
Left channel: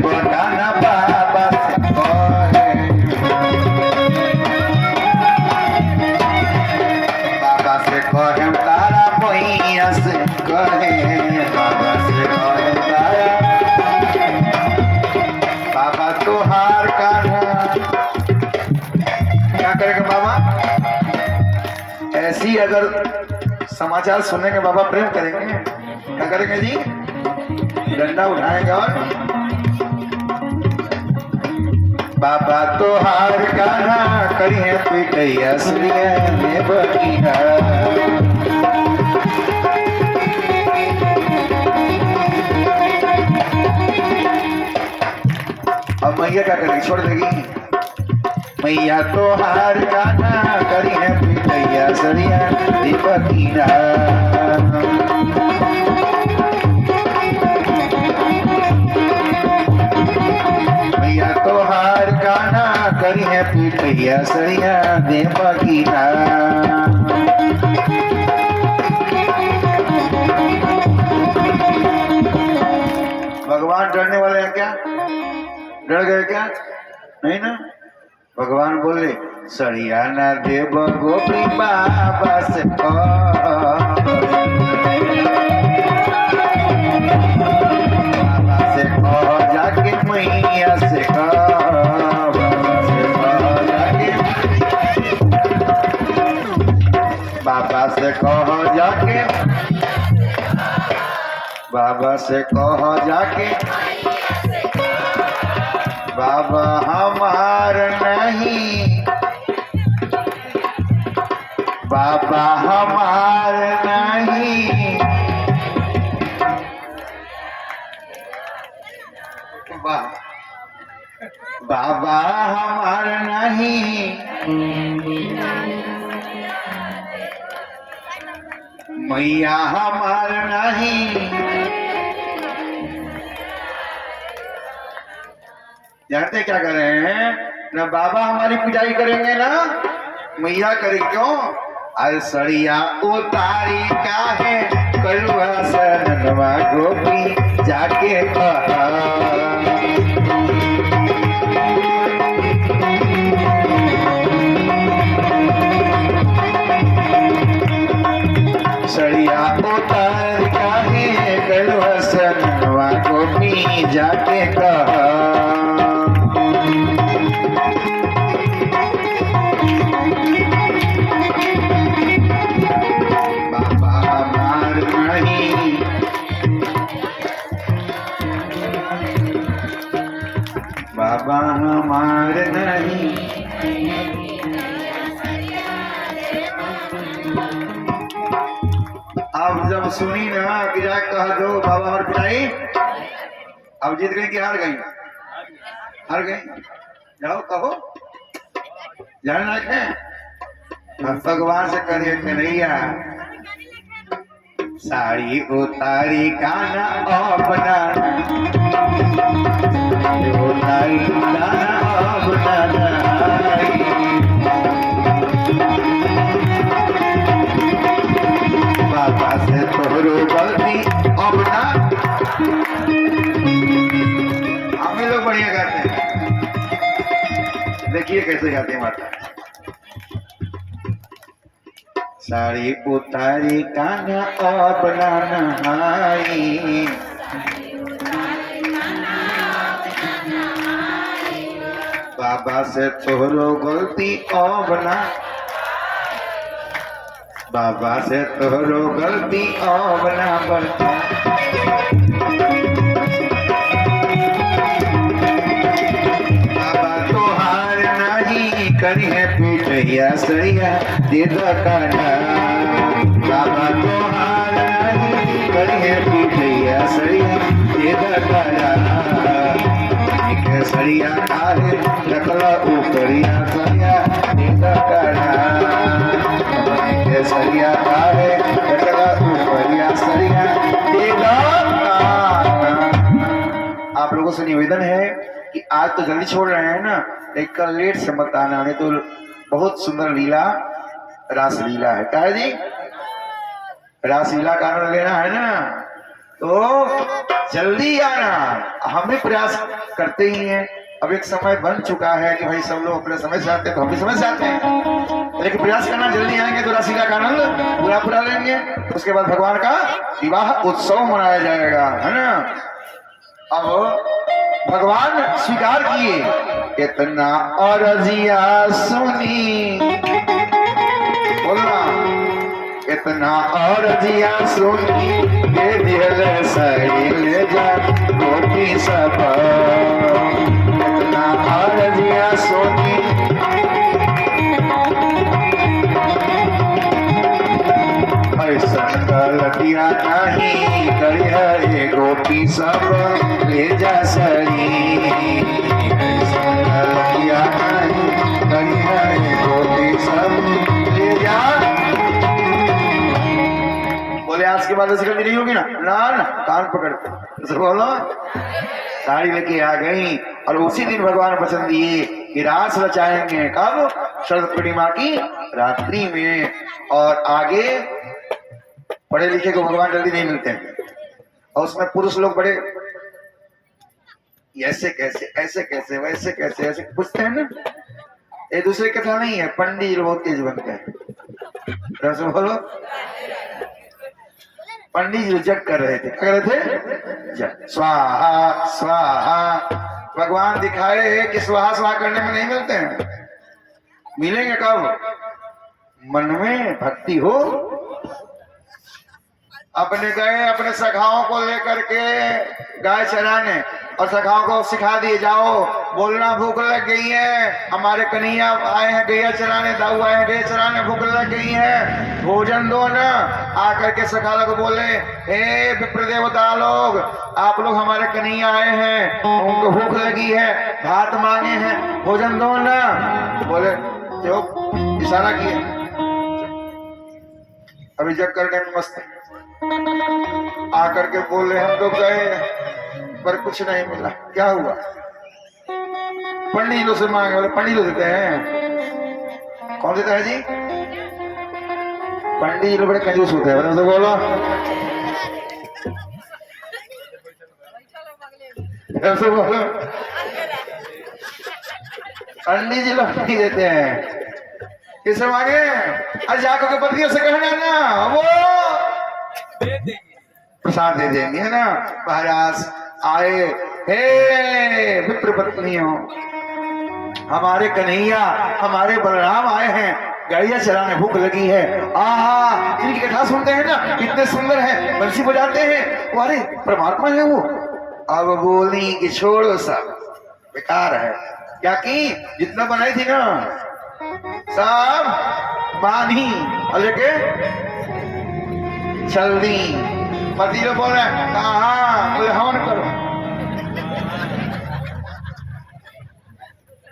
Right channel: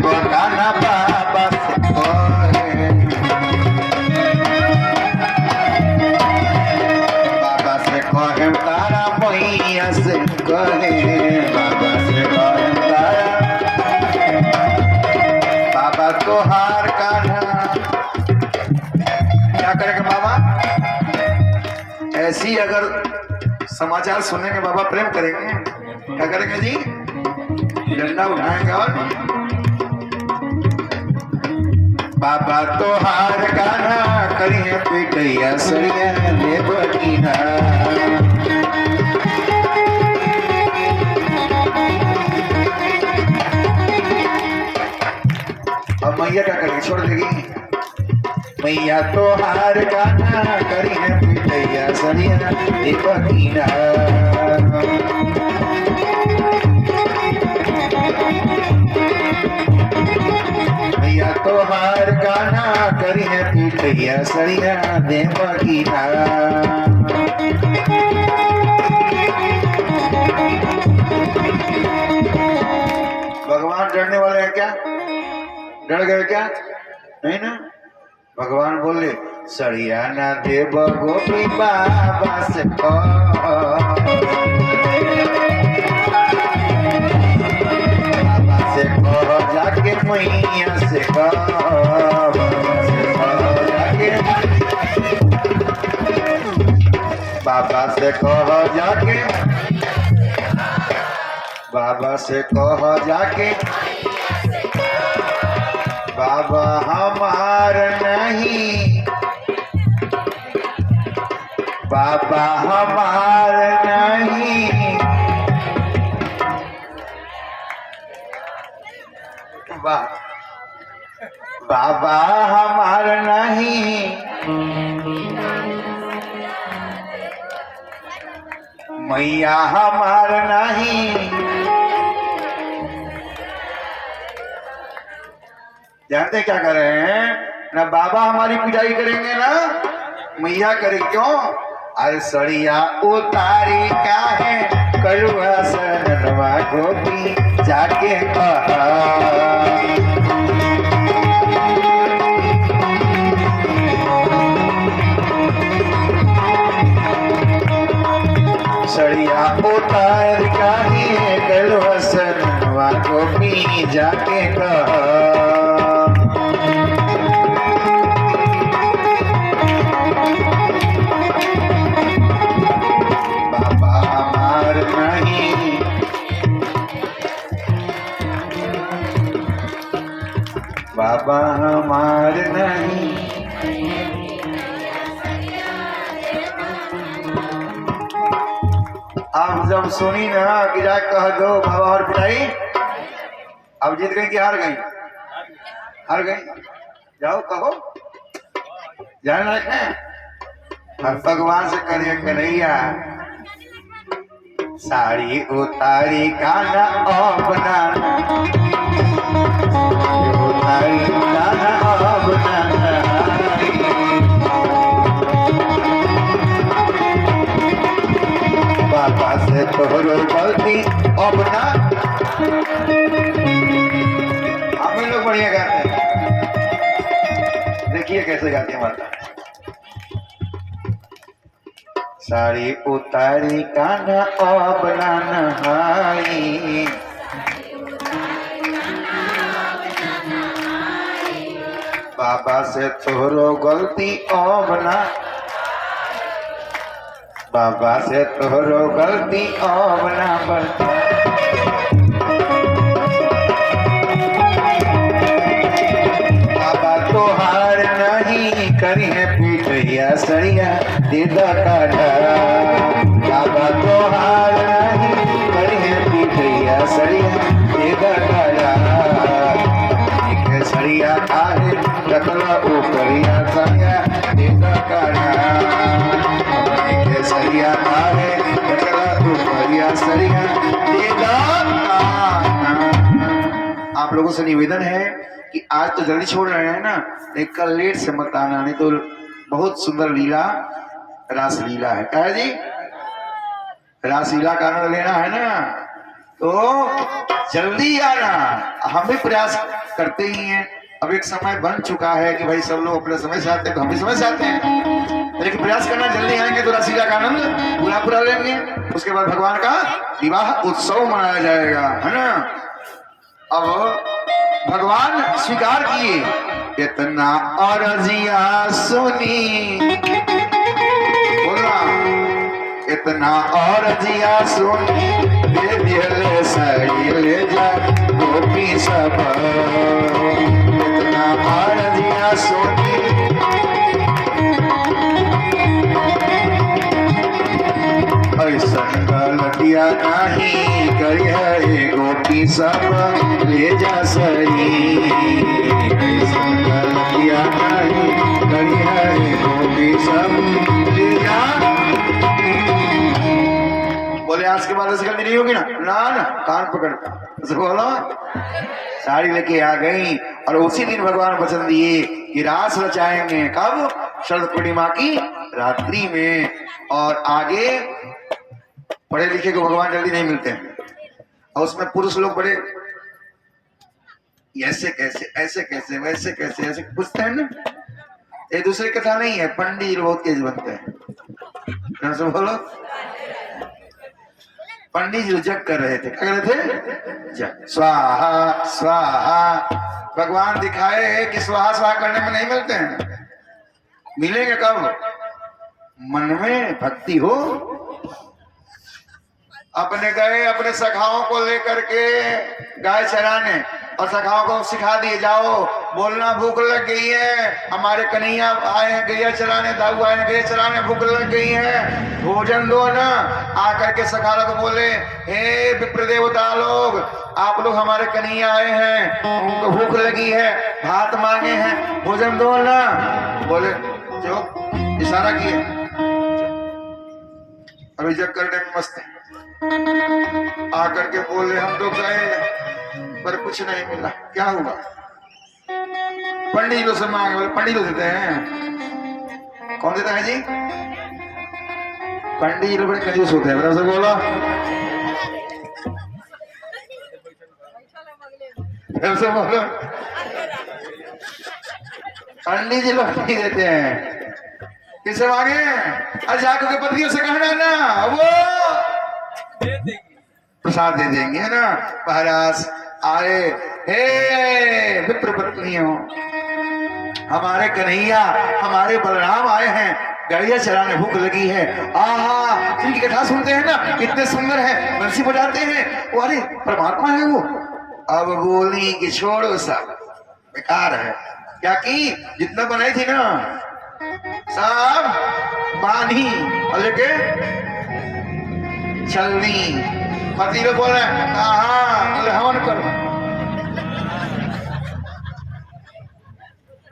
देव कान्हा बाबा से कहे, बाबा से कहे तारा मैया से कहे, बाबा से कहे तारा, बाबा तोहार कान्हा। क्या करेंगे बाबा? ऐसी अगर समाचार सुनने के बाबा प्रेम करेंगे, क्या करेंगे जी? डंडा उठाएंगे और बाबा तोहार कान्हा करिए पिटैया सरिया में बकीना। अब मैया क्या करेगी? छोड़ देगी? मैया तोहार कान्हा करिए पिटैया सरिया में बकीना। मैया तोहार कान्हा करिए पिटैया सरिया में बकीना। भगवान डरने वाले हैं क्या? डर गए क्या? नहीं ना। भगवान बोले सरिया ना देव गोपी बाबा से बाबा से कहो जाके मैया से बाबा से कहो जाके, बाबा से कहो जाके, बाबा हमार नहीं, बाबा हमार नहीं, बाबा हमार नहीं, मैया हमार नहीं। जानते क्या कर रहे हैं? ना बाबा हमारी पिटाई करेंगे ना मैया करेगी। क्यों? अरे सड़िया उतारी क्या है कलुआ सनवा गोपी जाके कहा, सड़िया उतार का है कलुआ सनवा गोपी जाके कहा। बाबा हमार नहीं। अब जब सुनी ना कि जा कह दो बाबा और पिटाई, अब जीत गई कि हार गई? हार गई। जाओ कहो, ध्यान रखें। अब भगवान से करिए कन्हैया साड़ी उतारी काना अपना, उतारी काना अपना, बाबा से तोहरो गलती अपना। हम लोग बढ़िया गाते हैं, देखिए कैसे गाते हैं माता। साड़ी उतारी काना अपना नहाई, बाबा से तोहरो गलती अपना, बाबा से तोहरो गलती अपना बता। बाबा तोहार नहीं करिए पिटैया सरिया दीदा काढ़ा, बाबा तोहार नहीं करिए पिटैया सरिया दीदा काढ़ा। सरिया आगे रखला ऊपरिया सरिया दीदा काढ़ा, सरिया आगे रखला ऊपरिया सरिया दीदा काढ़ा। आप लोगों से निवेदन है कि आज तो जल्दी छोड़ रहे हैं ना, एक कल लेट से मत आना, नहीं तो बहुत सुंदर लीला रास लीला है। क्या है जी? रास लीला का आनंद लेना है ना, तो जल्दी आना। हम भी प्रयास करते ही हैं। अब एक समय बन चुका है कि भाई सब लोग अपने समय से आते हैं, तो हम भी समय से आते हैं, लेकिन प्रयास करना जल्दी आएंगे तो राशिका का आनंद पूरा पूरा लेंगे। उसके बाद भगवान का विवाह उत्सव मनाया जाएगा, है ना। अब भगवान स्वीकार किए, इतना और रजिया सुनी, बोलना, इतना और रजिया सुनी, दे दिल सही ले जा गोपी सब, इतना और रजिया सुनी, ऐसा गलतिया नहीं करी है गोपी सब ले जा सही, ऐसा गलतिया नहीं करी है गोपी सब ले जा। बोले आज के बाद ऐसी गलती नहीं होगी ना, ना ना, कान पकड़ तो बोलो। साड़ी लेके आ गई और उसी दिन भगवान वचन दिए कि रास रचाएंगे, कब? शरद पूर्णिमा की रात्रि में। और आगे पढ़े लिखे को भगवान जल्दी नहीं मिलते हैं, और उसमें पुरुष लोग बड़े ऐसे कैसे, ऐसे कैसे, वैसे कैसे, ऐसे पूछते हैं ना। ये दूसरी कथा नहीं है, पंडित लोग बहुत तेज बनते हैं। बोलो, पंडित जी जग कर रहे थे, क्या कर रहे थे? जग, स्वाहा स्वाहा। भगवान दिखाए कि स्वाहा स्वाहा करने में नहीं मिलते हैं, मिलेंगे कब? मन में भक्ति हो। अपने गए अपने सखाओं को लेकर के गाय चराने, और सखाओं को सिखा दिए, जाओ बोलना भूख लग गई है, हमारे कन्हैया आए हैं गैया चराने, दाऊ आए हैं गैया चराने, भूख लग गई है, भोजन दो ना। आकर के सखा लोग बोले, हे विप्र देवता लोग, आप लोग हमारे कन्हैया आए हैं, उनको भूख लगी है, भात मांगे हैं, भोजन दो ना। बोले जो इशारा किए, अभी जग करने में मस्त आकर के बोले, हम तो गए पर कुछ नहीं मिला, क्या हुआ? पंडितों से मांगे। बोले पंडित देते हैं? कौन देता है जी? पंडित बड़े कंजूस होते हैं, बोलो बोलो, बोलो। पंडित जी लोग नहीं देते हैं, किसे मांगे? अरे जाकर के पत्नियों से कहना ना, वो प्रसाद दे देंगे, है ना। महाराज आए, हे विप्र पत्नियों, हमारे कन्हैया हमारे बलराम आए हैं, गैया चराने, भूख लगी है। आहा, इनकी कथा सुनते हैं ना, कितने सुंदर है, बंसी बजाते हैं, वो अरे परमात्मा है वो। अब बोली कि छोड़ो सब बेकार है, क्या की जितना बनाई थी ना सब बानी और लेके चल दी। पति लोग बोल रहे हैं, कहा? बोले हवन करो।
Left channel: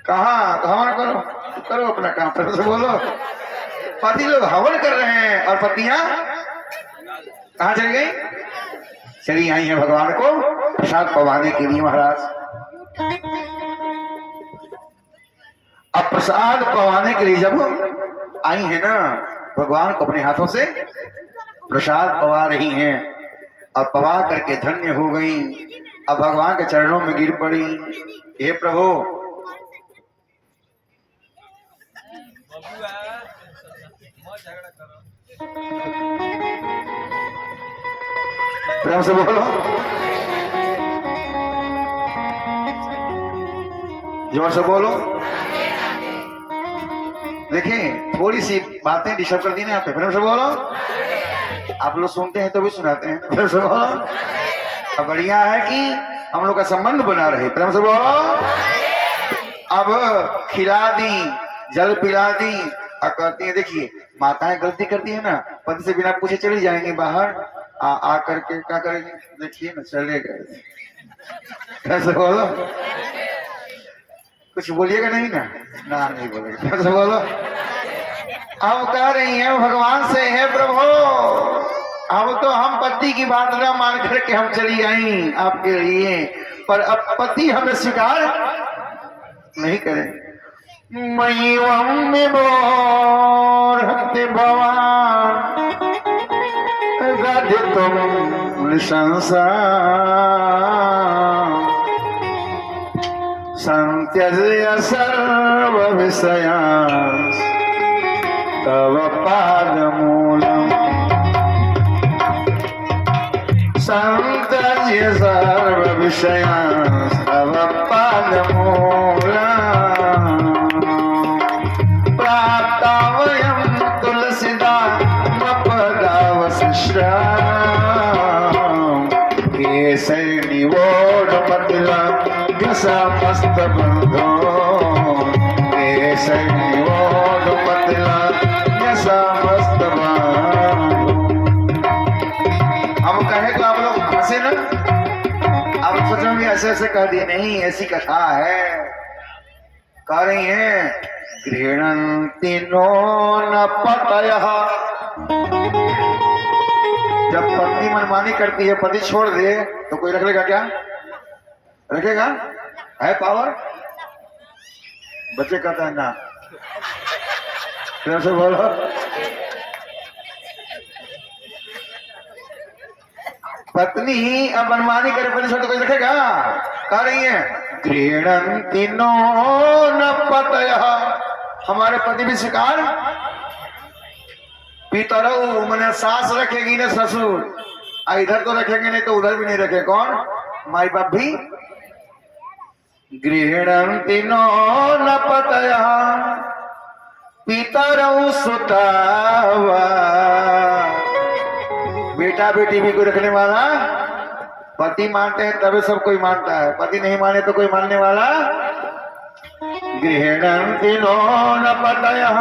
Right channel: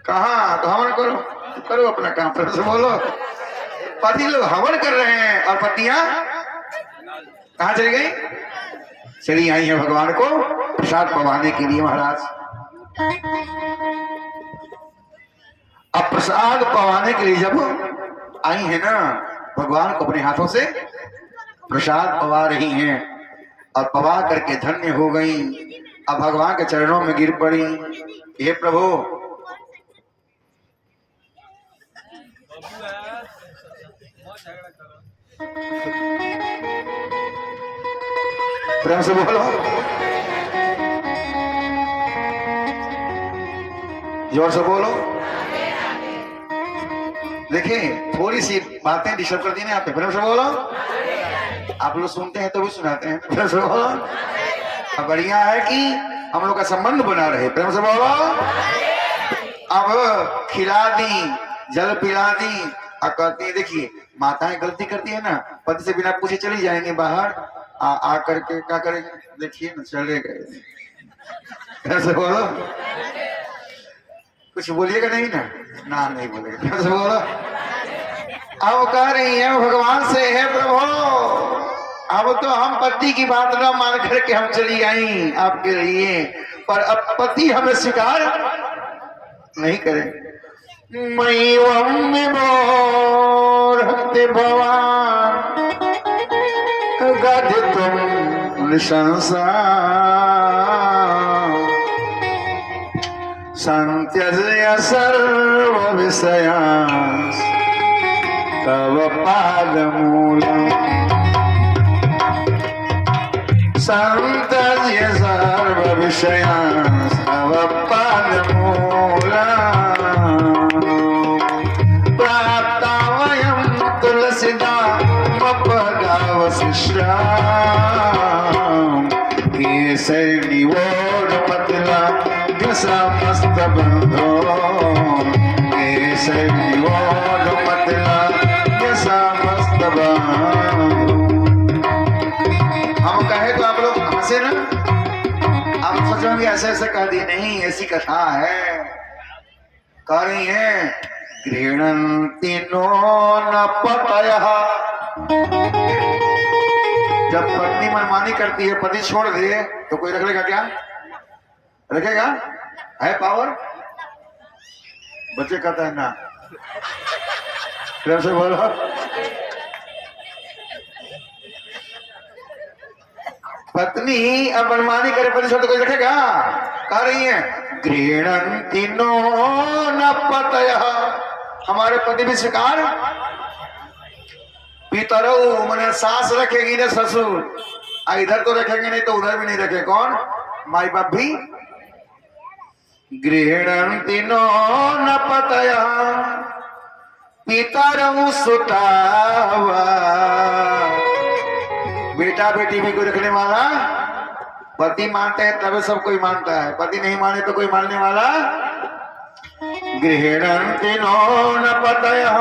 कहा? हवन करो, करो अपना काम, फिर से बोलो। पति लोग हवन कर रहे हैं और पत्नियां कहाँ चली गई? चली आई है भगवान को प्रसाद पवाने के लिए। महाराज अब प्रसाद पवाने के लिए जब आई है ना, भगवान को अपने हाथों से प्रसाद पवा रही हैं और पवा करके धन्य हो गई। अब भगवान के चरणों में गिर पड़ी, हे प्रभु, प्रेम से बोलो, जोर से बोलो। देखिए थोड़ी सी बातें डिस्टर्ब कर दी ना आपको, प्रेम से बोलो। आप लोग सुनते हैं तो भी सुनाते हैं, प्रेम से बोलो। अब बढ़िया है कि हम लोग का संबंध बना रहे, प्रेम से बोलो। अब खिला दी, जल पिला दी, और कहती है, देखिए माताएं गलती करती है ना, पति से बिना पूछे चली जाएंगे बाहर, आकर के क्या करेंगे? देखिए ना, चले गए, प्रेम से बोलो। कुछ बोलिएगा नहीं ना? ना नहीं बोलेगा, प्रेम से बोलो। अब कह रही है भगवान से, हे प्रभु, अब तो हम पति की बात ना मान करके हम चली आई आपके लिए, पर अब पति हमें स्वीकार नहीं करेंगे। भगवान गद तुम संसार संत्यज्य सर्वविषयान् तव पादमूलम् संत्यज्य सर्वविषयान् तव पादमूलम् प्राप्त वयं तुलसीदामपदावशिष्टाम् केसरिनिवोढमतुला समस्त बंधो केसरिनिवोढमतुला समस्त बंधो। हम कहे तो आप लोग हंसे ना, आप सोचेंगे ऐसे ऐसे कह दिए, नहीं ऐसी कथा है। कह रही है गृह्णन्ति नो न पतयः। जब पत्नी मनमानी करती है, पति छोड़ दे तो कोई रख लेगा क्या? रखेगा? है पावर? बच्चे कहते हैं ना, प्रेम से बोलो। पत्नी ही अब मनमानी करे, पति छोड़ तो कोई रखेगा? कह रही है गृह्णन्ति नो न पतयः। हमारे पति भी शिकार पितरौ मने सास रखेगी ना ससुर, इधर तो रखेंगे नहीं तो उधर भी नहीं रखे। कौन? माई बाप भी। गृह्णन्ति नो न पतयः पितरौ सुतावा। बेटा बेटी भी कोई रखने वाला, पति मानते हैं तभी सब कोई मानता है, पति नहीं माने तो कोई मानने वाला। गृह्णन्ति नो न पतयः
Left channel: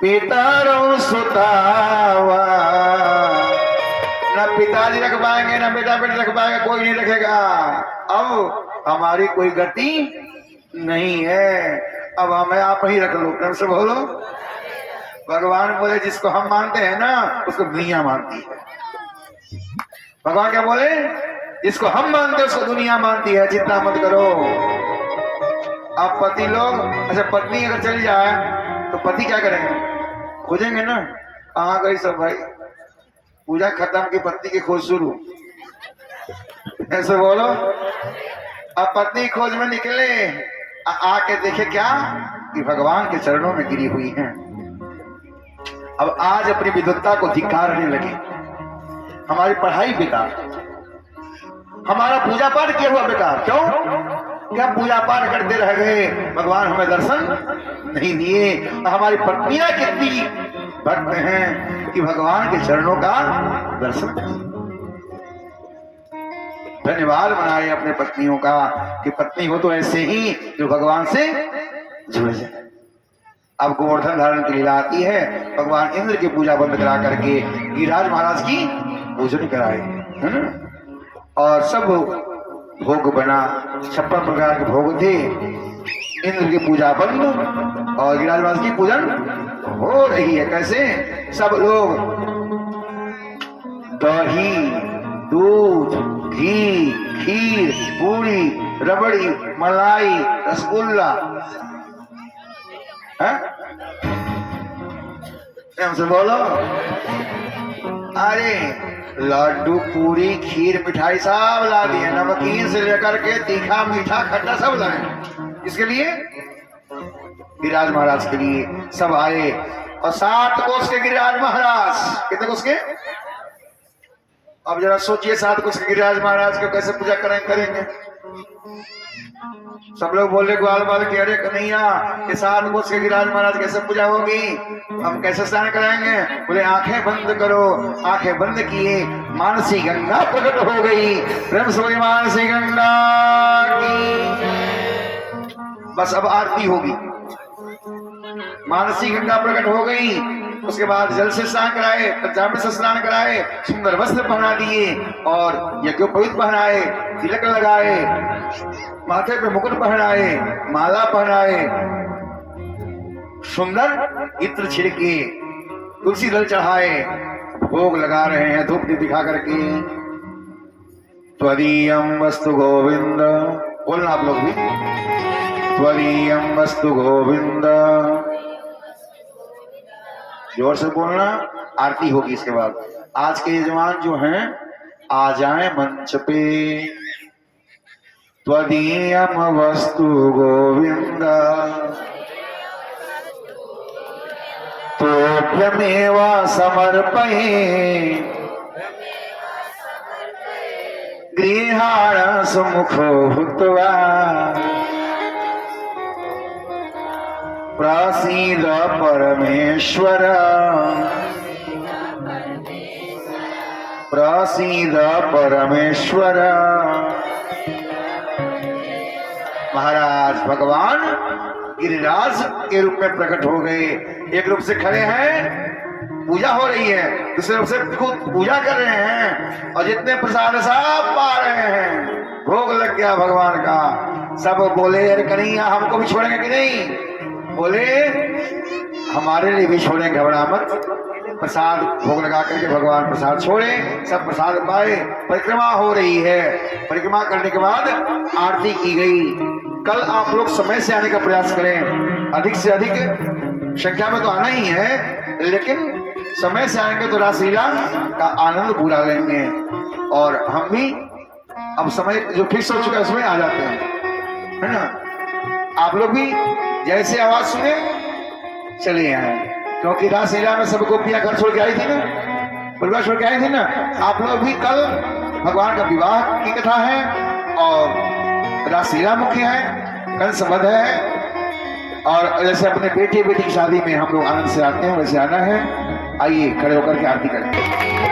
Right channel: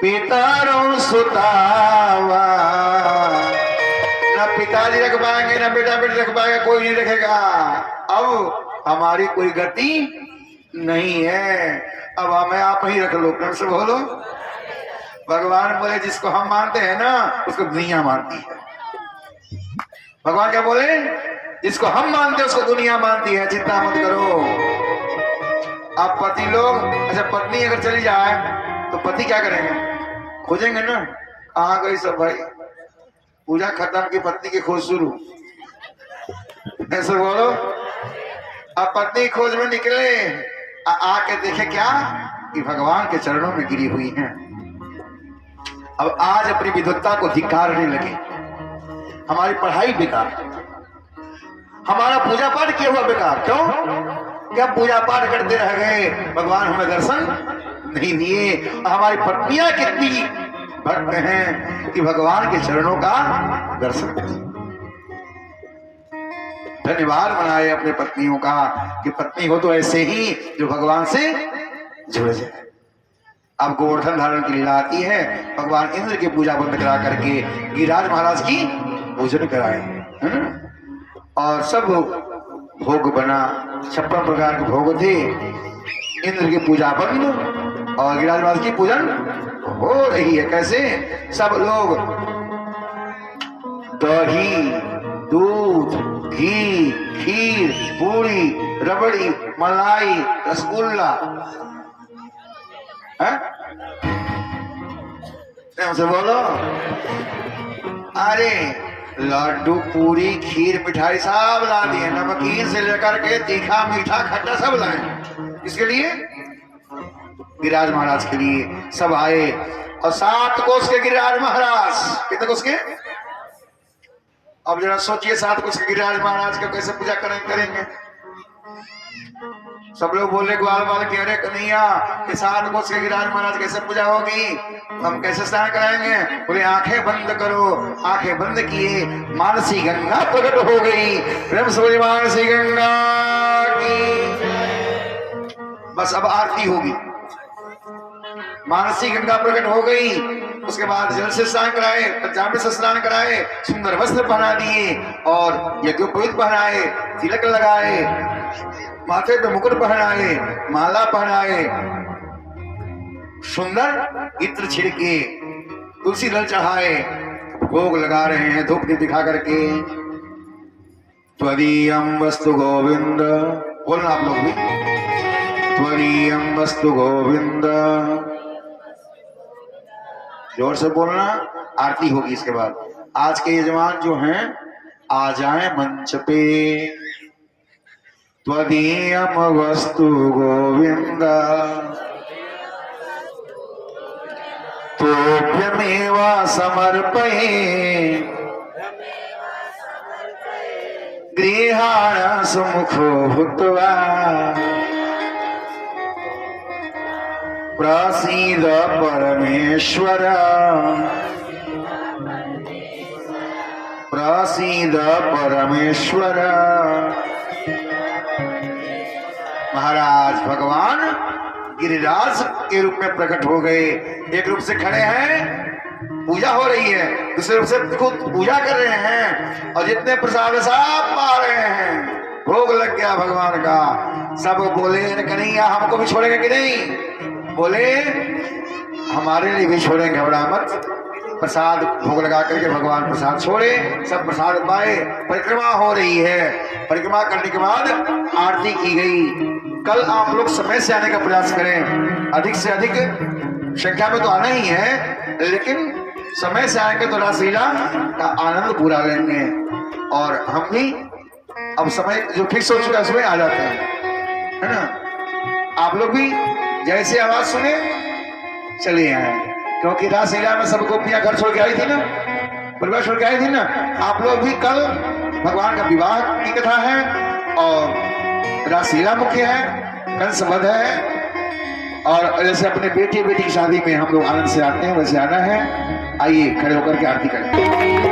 पितरौ सुतावा। न पिताजी रख पाएंगे न बेटा बेटी रख पाएगा, कोई नहीं रखेगा। अब हमारी कोई गति नहीं है, अब हमें आप ही रख लो। प्रेम से बोलो। भगवान बोले जिसको हम मानते हैं ना उसको दुनिया मानती है। भगवान क्या बोले? जिसको हम मानते हैं उसको दुनिया मानती है। चिंता मत करो। आप पति लोग, अच्छा पत्नी अगर चली जाए तो पति क्या करेंगे? खोजेंगे ना, कहाँ गई सब भाई, पूजा खत्म की पत्नी की खोज शुरू। ऐसे बोलो। अब पत्नी खोज में निकले, आके देखे क्या कि भगवान के चरणों में गिरी हुई हैं। अब आज अपनी विद्वत्ता को धिक्कारने लगे। हमारी पढ़ाई बेकार, हमारा पूजा पाठ किया हुआ बेकार। क्यों? क्या पूजा पाठ करते रह गए, भगवान हमें दर्शन नहीं दिए। हमारी पत्नियां कितनी भक्त हैं कि भगवान के चरणों का दर्शन। धन्यवाद मनाए अपने पत्नियों का कि पत्नी हो तो ऐसे ही जो भगवान से जुड़ जाए। अब गोवर्धन धारण की लीला आती है। भगवान इंद्र की पूजा बंद करा करके गिरिराज महाराज की पूजन कराए, है ना? और सब भोग बना, 56 प्रकार के भोग थे। इंद्र की पूजा बंद और गिरिराज महाराज की पूजन हो रही है। कैसे? सब लोग दही, दूध, घी, खीर, पूरी, रबड़ी, मलाई, रसगुल्ला, हमसे बोलो। अरे लड्डू, पूरी, खीर, मिठाई सब ला दिए, नमकीन से लेकर के तीखा, मीठा, खट्टा सब लाए। किसके लिए? गिरिराज महाराज के लिए सब आए। और 7 कोस के गिरिराज महाराज। कितने कोस के? अब जरा सोचिए, 7 कोस के गिरिराज महाराज को कैसे पूजा करेंगे? सब लोग बोले ग्वाल बाल के, अरे कन्हैया ये 7 कोस के गिरिराज महाराज कैसे पूजा होगी, हम कैसे स्नान कराएंगे? बोले आंखें बंद करो। आंखें बंद किए, मानसी गंगा प्रकट हो गई। प्रेम से बोले मानसी गंगा की। बस अब आरती होगी। मानसी गंगा प्रकट हो गई। उसके बाद जल से स्नान कराए, पंचामृत से स्नान कराए, सुंदर वस्त्र पहना दिए और यज्ञोपवीत पहनाए, तिलक लगाए, माथे पे मुकुट पहनाए, माला पहनाए, सुंदर इत्र छिड़के, तुलसी दल चढ़ाए, भोग लगा रहे हैं धूप दीप दिखा करके। त्वदीयं वस्तु गोविंद, बोलना आप लोग भी। त्वदीयं वस्तु गोविंद, जोर से बोलना। आरती होगी इसके बाद। आज के यजमान जो हैं आ जाए मंच पे। त्वदीयम वस्तु गोविंद तोभ्यमेव समर्पये गृहाण सुमुखो भूत्वा प्रसीद परमेश्वर प्रसीद परमेश्वर। महाराज भगवान गिरिराज के रूप में प्रकट हो गए। एक रूप से खड़े हैं, पूजा हो रही है, दूसरे रूप से खुद पूजा कर रहे हैं और जितने प्रसाद सब पा रहे हैं। भोग लग गया भगवान का। सब बोले अरे कन्हैया हमको भी छोड़ेंगे कि नहीं? बोले हमारे लिए भी छोड़ेंगे, घबरा मत। प्रसाद भोग लगा करके भगवान प्रसाद छोड़े, सब प्रसाद पाए। परिक्रमा हो रही है, परिक्रमा करने के बाद आरती की गई। कल आप लोग समय से आने का प्रयास करें, अधिक से अधिक संख्या में तो आना ही है, लेकिन समय से आएंगे तो रासलीला का आनंद पूरा लेंगे। और हम भी अब समय जो फिक्स हो चुका है उसमें आ जाते हैं, है ना। आप लोग भी जैसे आवाज सुने चलिए आए, क्योंकि रासलीला में सब गोपियां घर छोड़ के आई थी ना, परिवार छोड़ के आई थी ना। आप लोग भी कल भगवान का विवाह की कथा है और रासलीला मुख्य है, कंसवध है। और जैसे अपने बेटी की शादी में हम लोग आनंद से आते हैं वैसे आना है। आइए खड़े होकर के आरती करें।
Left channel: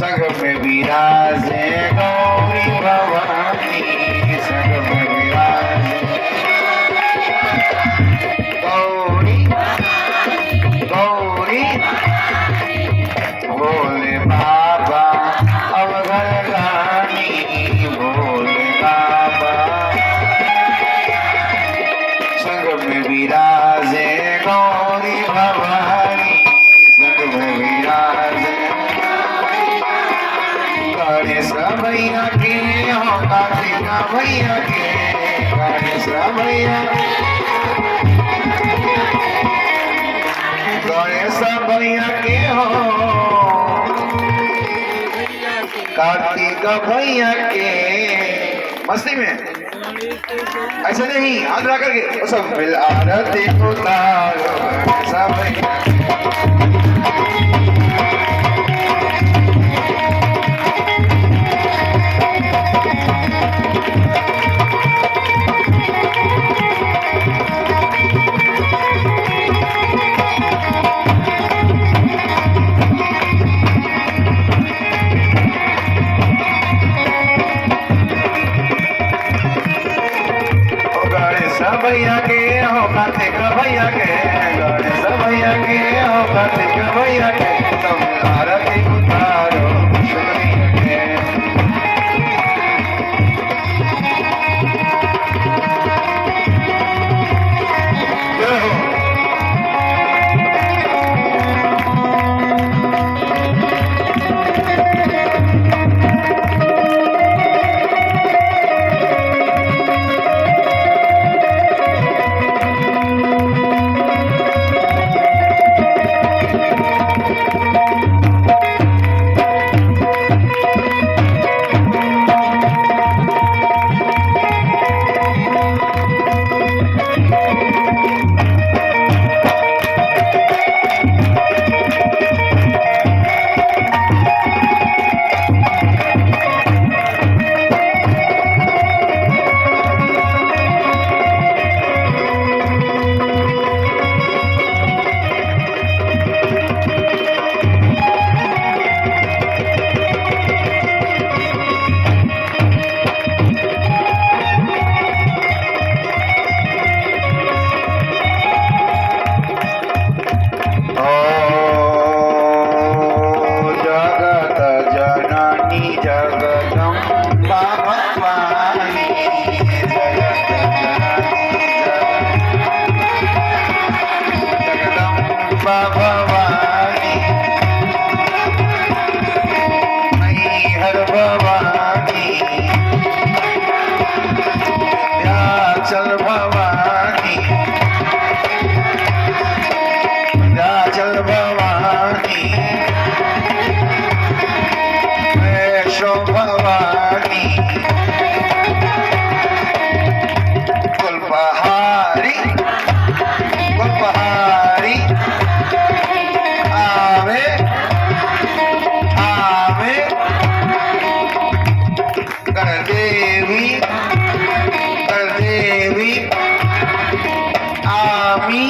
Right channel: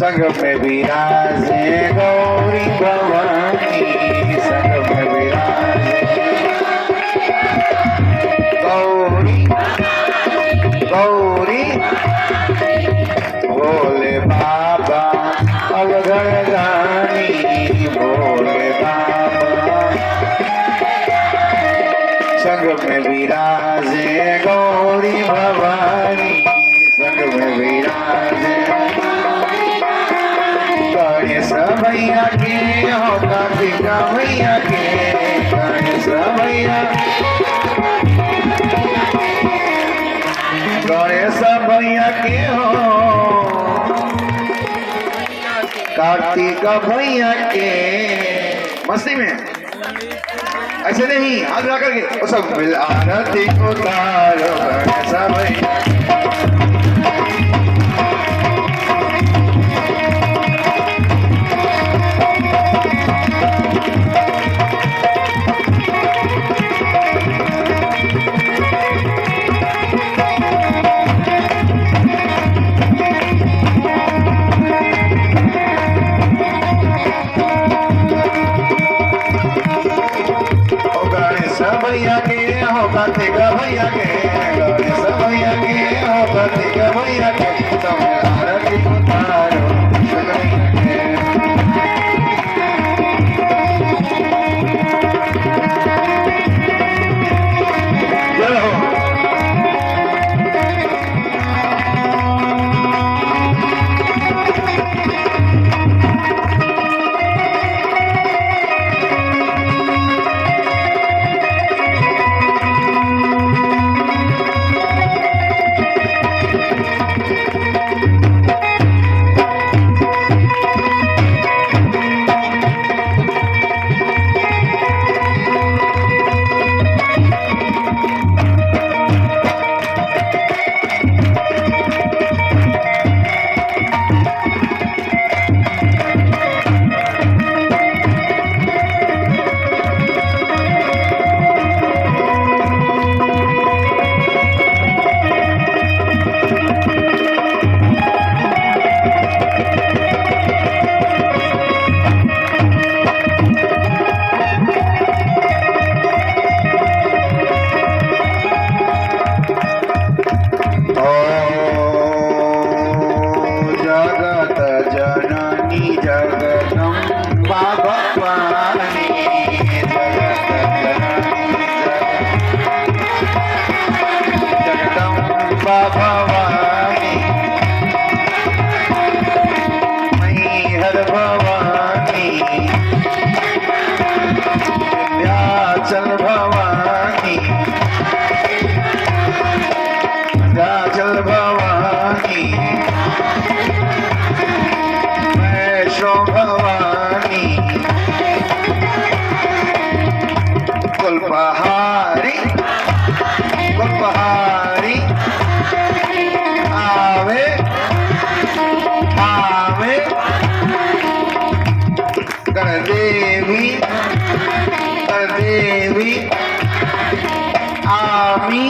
संग में विराजे गौरी भवानी, संग में विराजे गौरी गौरी भोले बाबा अवघड़ रानी, भोले बाबा संग में विराजे गौरी भवानी, संग में विराजे गणेश भैया के हो, कार्तिक भैया के, गणेश भैया गणेश भैया के हो, कार्तिक भैया के। मस्ती में ऐसे नहीं, हाथ लगा करके सब मिल आरती उतारो गणेश भैया। कमैया के तुम आरती उतारो कमैया के जय हो भवानी मैहर भवानी विंध्याचल भवानी विंध्याचल भवानी वैष्णो भवानी कुलपहारी कुलपहारी आवे आवे कर देवी आमी